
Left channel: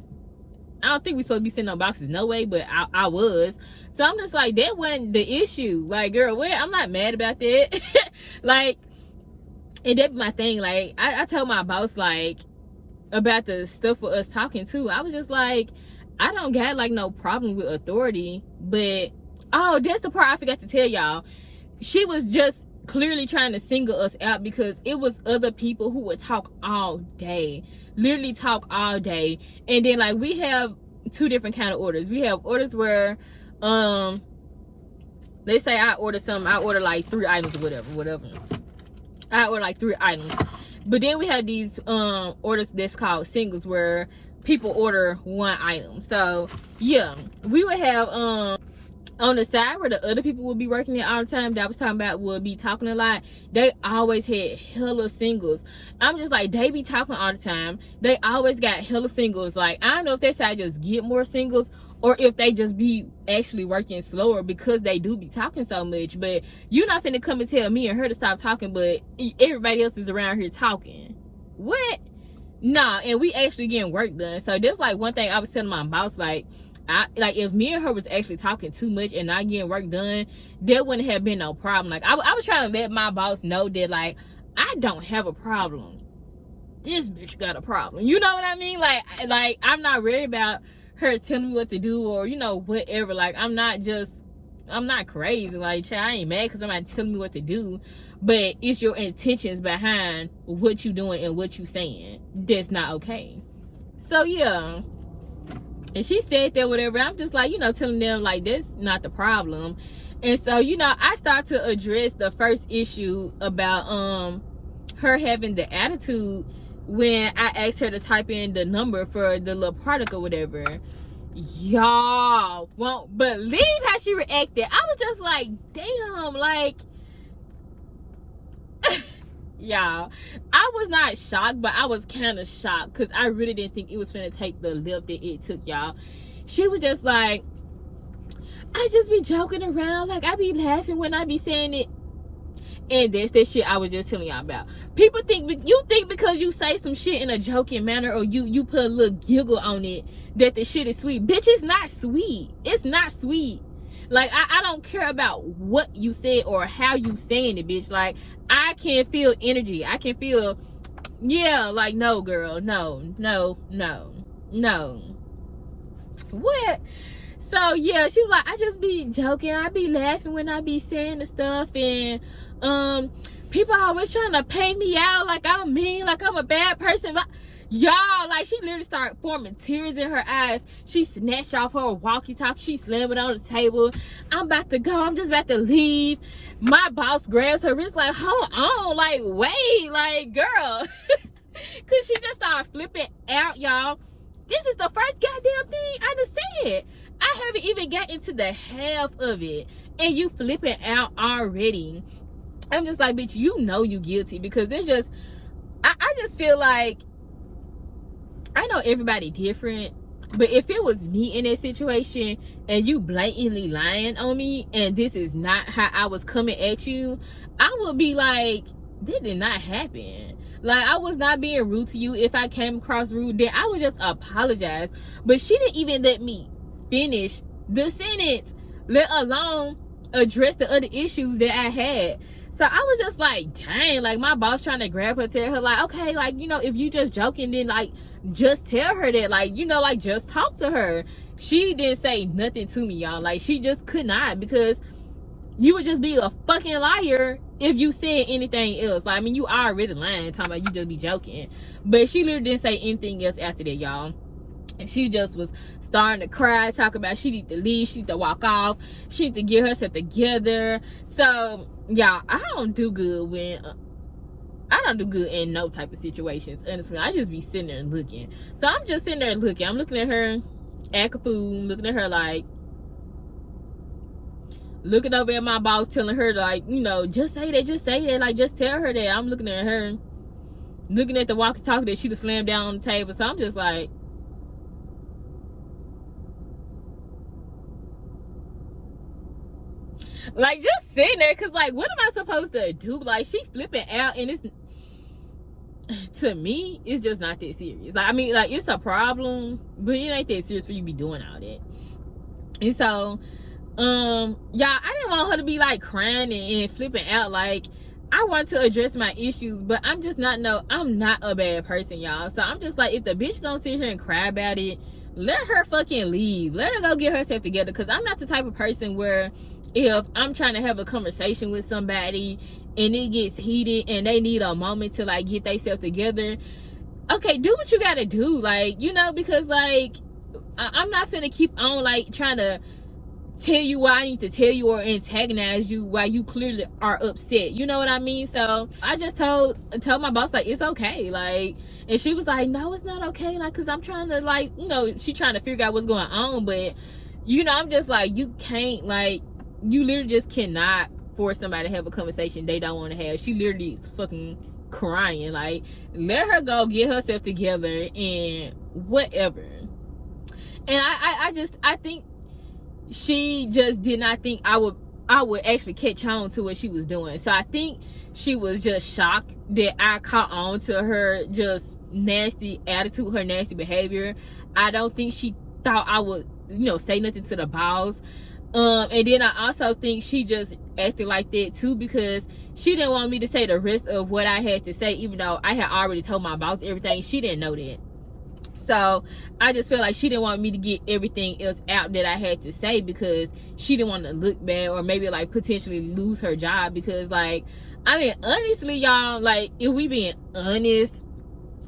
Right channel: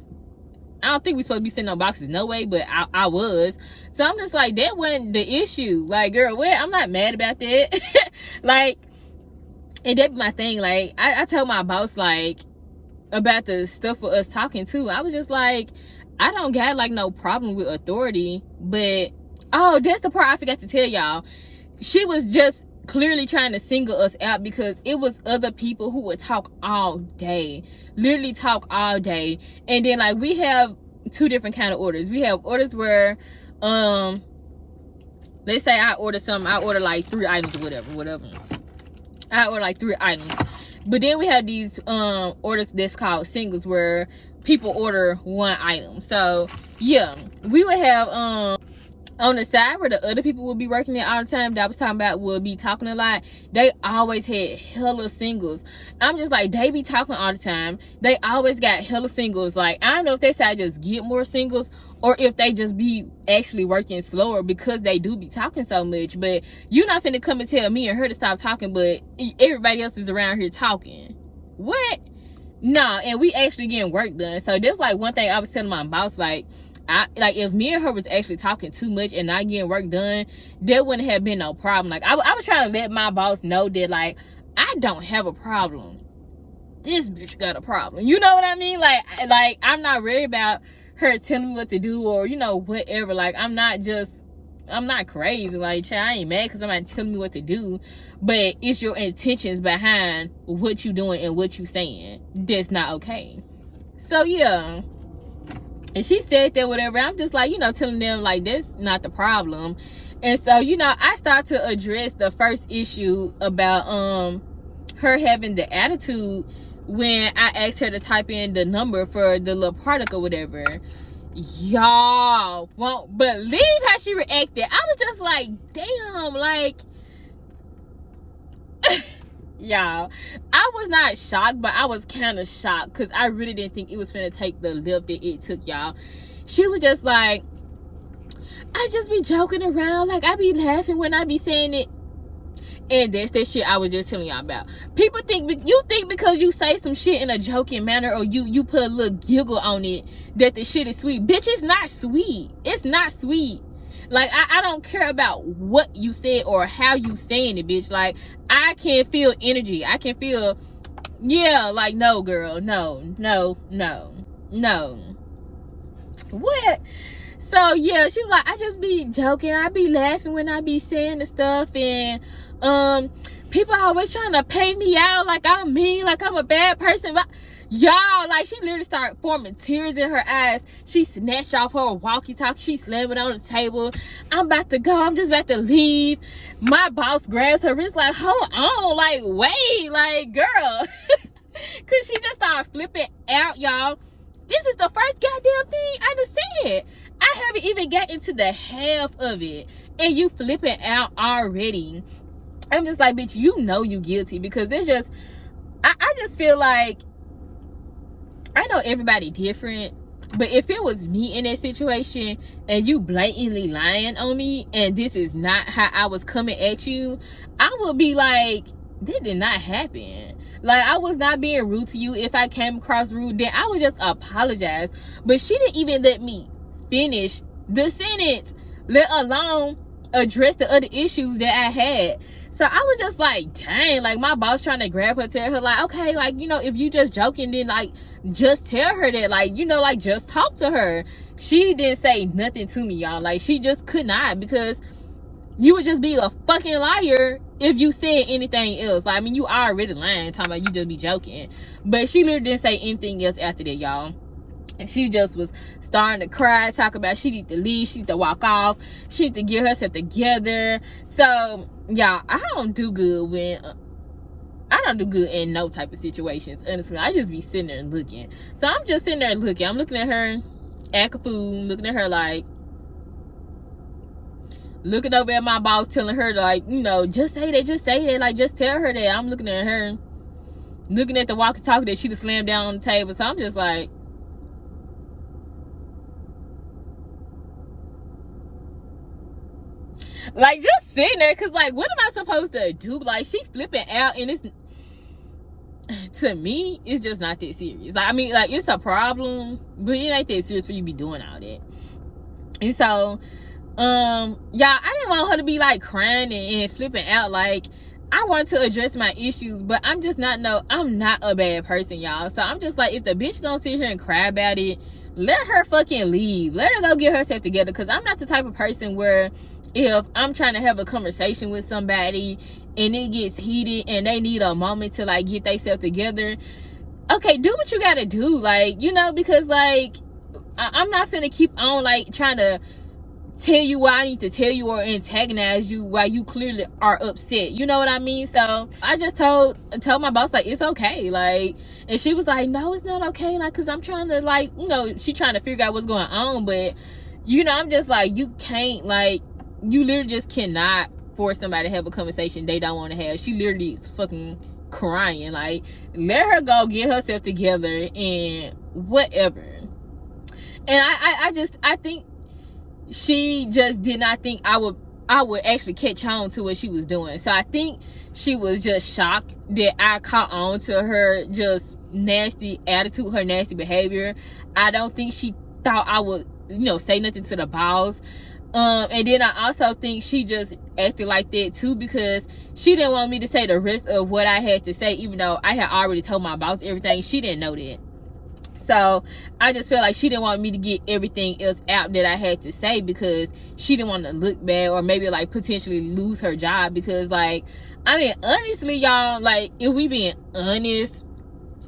I don't think we supposed to be sending no boxes, no way, but I was. So I'm just like, that wasn't the issue. Like, girl, what? I'm not mad about that. Like, and that's my thing. Like, I told my boss, like, about the stuff for us talking too. I was just like, I don't got like no problem with authority, but oh, that's the part I forgot to tell y'all. She was just clearly trying to single us out, because it was other people who would talk all day, literally talk all day. And then like, we have two different kind of orders. We have orders where let's say I order something, I order like 3 items or whatever. I order like 3 items. But then we have these orders that's called singles, where people order 1 item. So yeah, we would have on the side where the other people would be working there all the time, that I was talking about, would be talking a lot. They always had hella singles. I'm just like, they be talking all the time. They always got hella singles. Like, I don't know if they say I just get more singles, or if they just be actually working slower, because they do be talking so much. But you're not finna come and tell me and her to stop talking, but everybody else is around here talking. What? Nah, and we actually getting work done. So there's like one thing I was telling my boss, like, if me and her was actually talking too much and not getting work done, there wouldn't have been no problem. Like, I was trying to let my boss know that, like, I don't have a problem. This bitch got a problem. You know what I mean? Like I'm not worried about her telling me what to do, or, you know, whatever. Like, I'm not crazy. Like, I ain't mad because somebody telling me what to do. But it's your intentions behind what you doing and what you saying that's not okay. So, yeah. And she said that, whatever. I'm just like, you know, telling them, like, that's not the problem. And so, you know, I start to address the first issue about her having the attitude when I asked her to type in the number for the little product or whatever. Y'all won't believe how she reacted. I was just like, damn, like, y'all, I was not shocked, but I was kind of shocked, because I really didn't think it was finna take the lift that it took, y'all. She was just like, I just be joking around, like, I be laughing when I be saying it. And that's that shit I was just telling y'all about. People think, you think because you say some shit in a joking manner, or you put a little giggle on it, that the shit is sweet. Bitch, it's not sweet. It's not sweet. Like, I don't care about what you said or how you saying it, bitch. Like, I can feel energy. I can feel, yeah, like, no, girl, no. What? So, yeah, she was like, I just be joking. I be laughing when I be saying the stuff, and people always trying to pay me out like I'm mean, like I'm a bad person. But y'all, like, she literally started forming tears in her eyes. She snatched off her walkie-talkie. She slammed it on the table. I'm about to go. I'm just about to leave. My boss grabs her wrist like, hold on, like, wait, like, girl. Because she just started flipping out, y'all. This is the first goddamn thing I done said. I haven't even gotten to the half of it, and you flipping out already. I'm just like, bitch, you know you guilty, because there's just, I just feel like, I know everybody different, but if it was me in that situation and you blatantly lying on me, and this is not how I was coming at you, I would be like, that did not happen. Like, I was not being rude to you. If I came across rude, then I would just apologize. But she didn't even let me finish the sentence, let alone address the other issues that I had. So I was just like, dang, like, my boss trying to grab her, tell her, like, okay, like, you know, if you just joking, then, like, just tell her that, like, you know, like, just talk to her. She didn't say nothing to me, y'all. Like, she just could not, because you would just be a fucking liar if you said anything else. Like, I mean, you already lying, talking about you just be joking. But she literally didn't say anything else after that, y'all. And she just was starting to cry, talk about she need to leave, she need to walk off, she need to get herself together. So, y'all, I don't do good in no type of situations, honestly. I just be sitting there and looking. So I'm just sitting there looking. I'm looking at her, act a fool, looking at her like, looking over at my boss, telling her, like, you know, just say that, like, just tell her that. I'm looking at her, looking at the walkie-talkie that she'd have slammed down on the table. So I'm just like, Like, just sitting there, because, like, what am I supposed to do? Like, she flipping out, and it's, to me, it's just not that serious. Like, I mean, like, it's a problem, but it ain't that serious for you to be doing all that. And so, y'all, I didn't want her to be, like, crying and flipping out. Like, I want to address my issues, but I'm just not, I'm not a bad person, y'all. So I'm just like, if the bitch gonna sit here and cry about it, let her fucking leave. Let her go get herself together, because I'm not the type of person where if I'm trying to have a conversation with somebody and it gets heated and they need a moment to, like, get themselves together, okay, do what you gotta do. Like, you know, because, like, I'm not finna keep on, like, trying to tell you what I need to tell you or antagonize you while you clearly are upset. You know what I mean? So I just told my boss, like, it's okay. Like, and she was like, no, it's not okay. Like, because I'm trying to, like, you know, she trying to figure out what's going on. But, you know, I'm just like, you can't, like, you literally just cannot force somebody to have a conversation they don't want to have. She literally is fucking crying. Like, let her go get herself together and whatever. And I think she just did not think I would actually catch on to what she was doing. So I think she was just shocked that I caught on to her just nasty attitude, her nasty behavior. I don't think she thought I would, you know, say nothing to the boss. And then I also think she just acted like that too, because she didn't want me to say the rest of what I had to say, even though I had already told my boss everything. She didn't know that. So I just feel like she didn't want me to get everything else out that I had to say, because she didn't want to look bad or maybe, like, potentially lose her job. Because, like, I mean, honestly, y'all, like, if we being honest,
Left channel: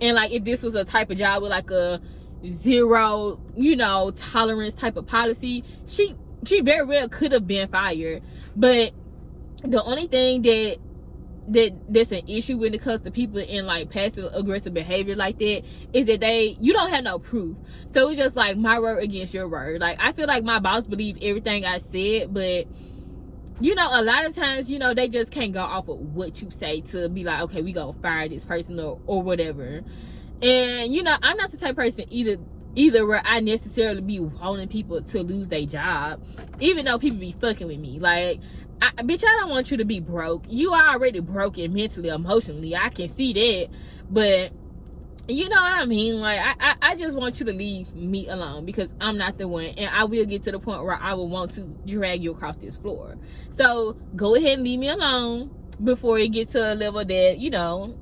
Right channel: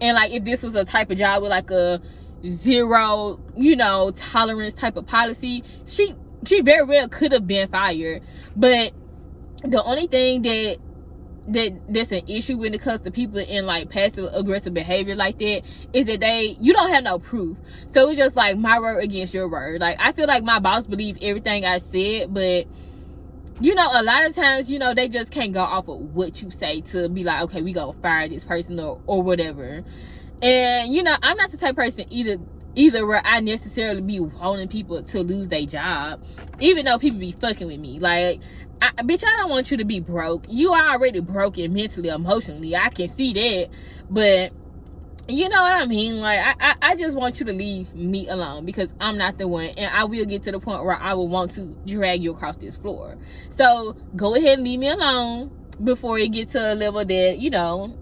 and, like, if this was a type of job with, like, a zero, you know, tolerance type of policy, she very well could have been fired. But the only thing that's an issue when it comes to people in, like, passive aggressive behavior like that is that you don't have no proof. So it's just like my word against your word. Like, I feel like my boss believed everything I said, but, you know, a lot of times, you know, they just can't go off of what you say to be like, okay, we gonna fire this person or whatever. And, you know, I'm not the type of person either where I necessarily be wanting people to lose their job, even though people be fucking with me. Like, bitch, I don't want you to be broke. You are already broken mentally, emotionally. I can see that. But, you know what I mean? Like, I just want you to leave me alone, because I'm not the one. And I will get to the point where I will want to drag you across this floor. So, go ahead and leave me alone before it gets to a level that, you know,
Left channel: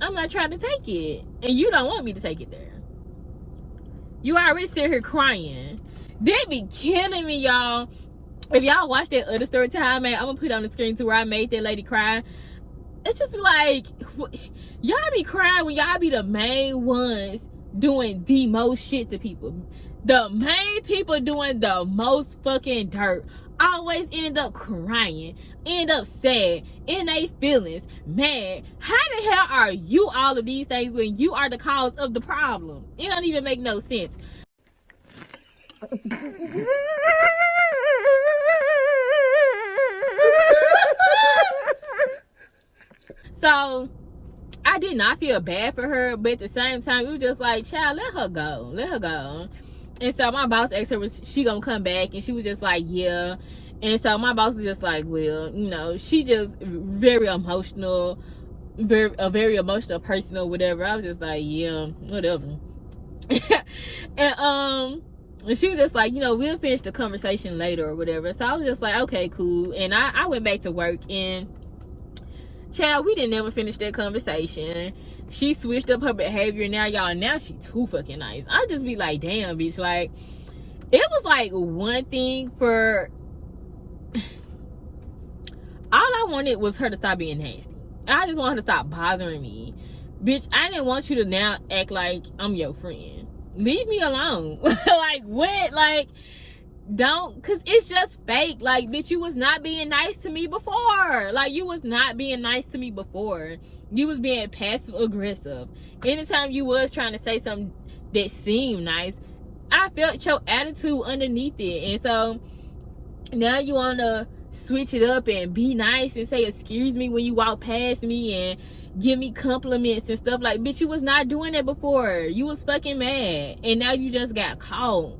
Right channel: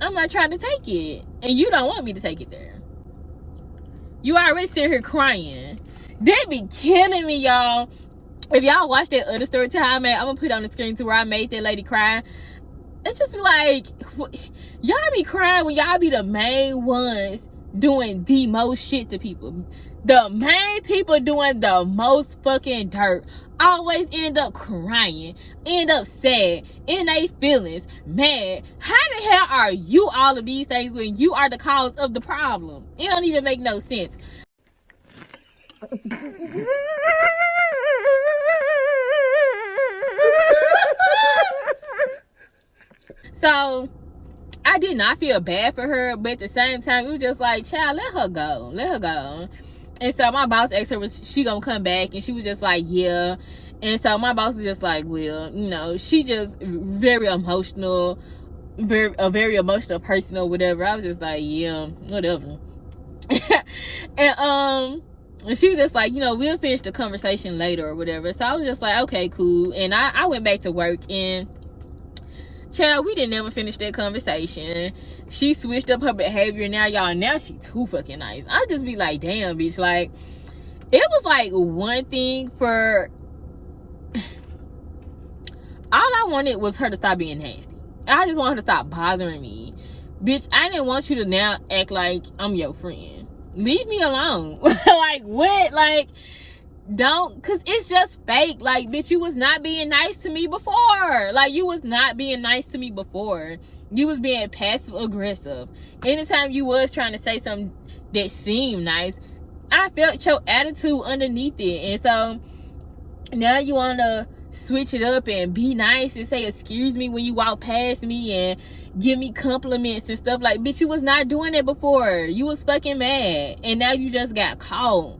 I'm not trying to take it. And you don't want me to take it there. You already sit here crying. They be killing me, y'all. If y'all watch that other story time, man, I'm gonna put it on the screen too, where I made that lady cry. It's just like, y'all be crying when y'all be the main ones doing the most shit to people. The main people doing the most fucking dirt always end up crying, end up sad, in their feelings, mad. How the hell are you all of these things when you are the cause of the problem? It don't even make no sense. So I did not feel bad for her, but at the same time, it was just like, child, let her go. And so my boss asked her, was she gonna come back? And she was just like, yeah. And so my boss was just like, well, you know, she just very emotional, a very emotional person or whatever. I was just like, yeah, whatever. And she was just like, you know, we'll finish the conversation later or whatever. So I was just like, okay, cool. And I went back to work, and child, we didn't never finish that conversation. She switched up her behavior. Now she too fucking nice. I just be like, damn, bitch. Like, it was like one thing for all I wanted was her to stop being nasty. I just want her to stop bothering me. Bitch, I didn't want you to now act like I'm your friend. Leave me alone. Like, what? Like, don't, because it's just fake. Like, bitch, you was not being nice to me before. Like, you was not being nice to me before. You was being passive aggressive. Anytime you was trying to say something that seemed nice, I felt your attitude underneath it. And so now you want to switch it up and be nice and say excuse me when you walk past me and give me compliments and stuff. Like, bitch, you was not doing that before. You was fucking mad, and now you just got caught.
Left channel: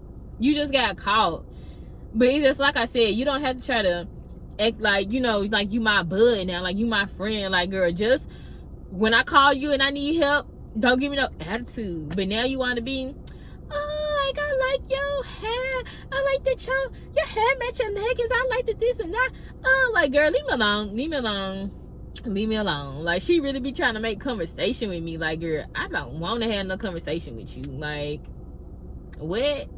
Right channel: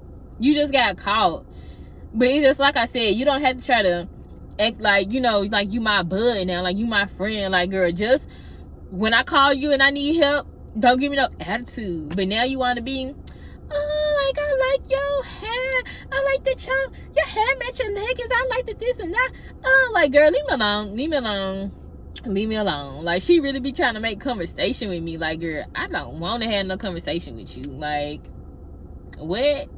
But it's just like I said, you don't have to try to act like, you know, like you my bud now, like you my friend. Like, girl, just when I call you and I need help, don't give me no attitude. But now you want to be, oh, like, I like your hair. I like that your hair match your leggings. I like the this and that. Oh, like, girl, leave me alone. Leave me alone. Leave me alone. Like, she really be trying to make conversation with me. Like, girl, I don't want to have no conversation with you. Like, what?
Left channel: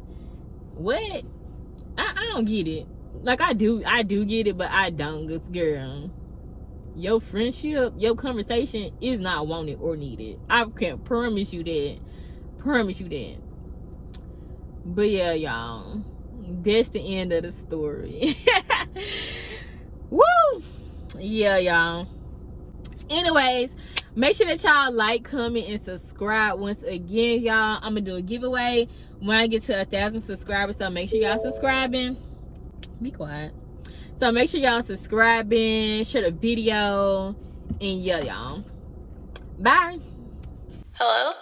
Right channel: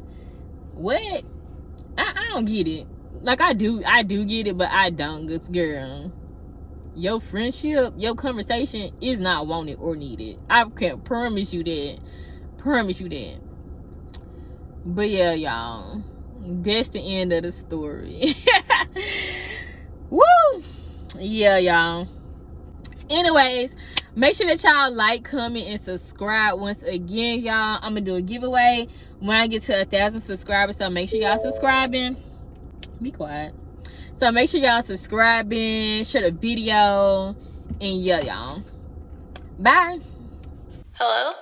I don't get it. Like, I do get it, but I don't. Cause, girl, your friendship, your conversation is not wanted or needed. I can promise you that. But yeah, y'all, that's the end of the story. Woo! Yeah, y'all. Anyways, make sure that y'all like, comment, and subscribe. Once again, y'all, I'm gonna do a giveaway when I get to 1,000 subscribers, so make sure y'all subscribing. Be quiet. So make sure y'all subscribing, share the video, and yeah, y'all. Bye. Hello?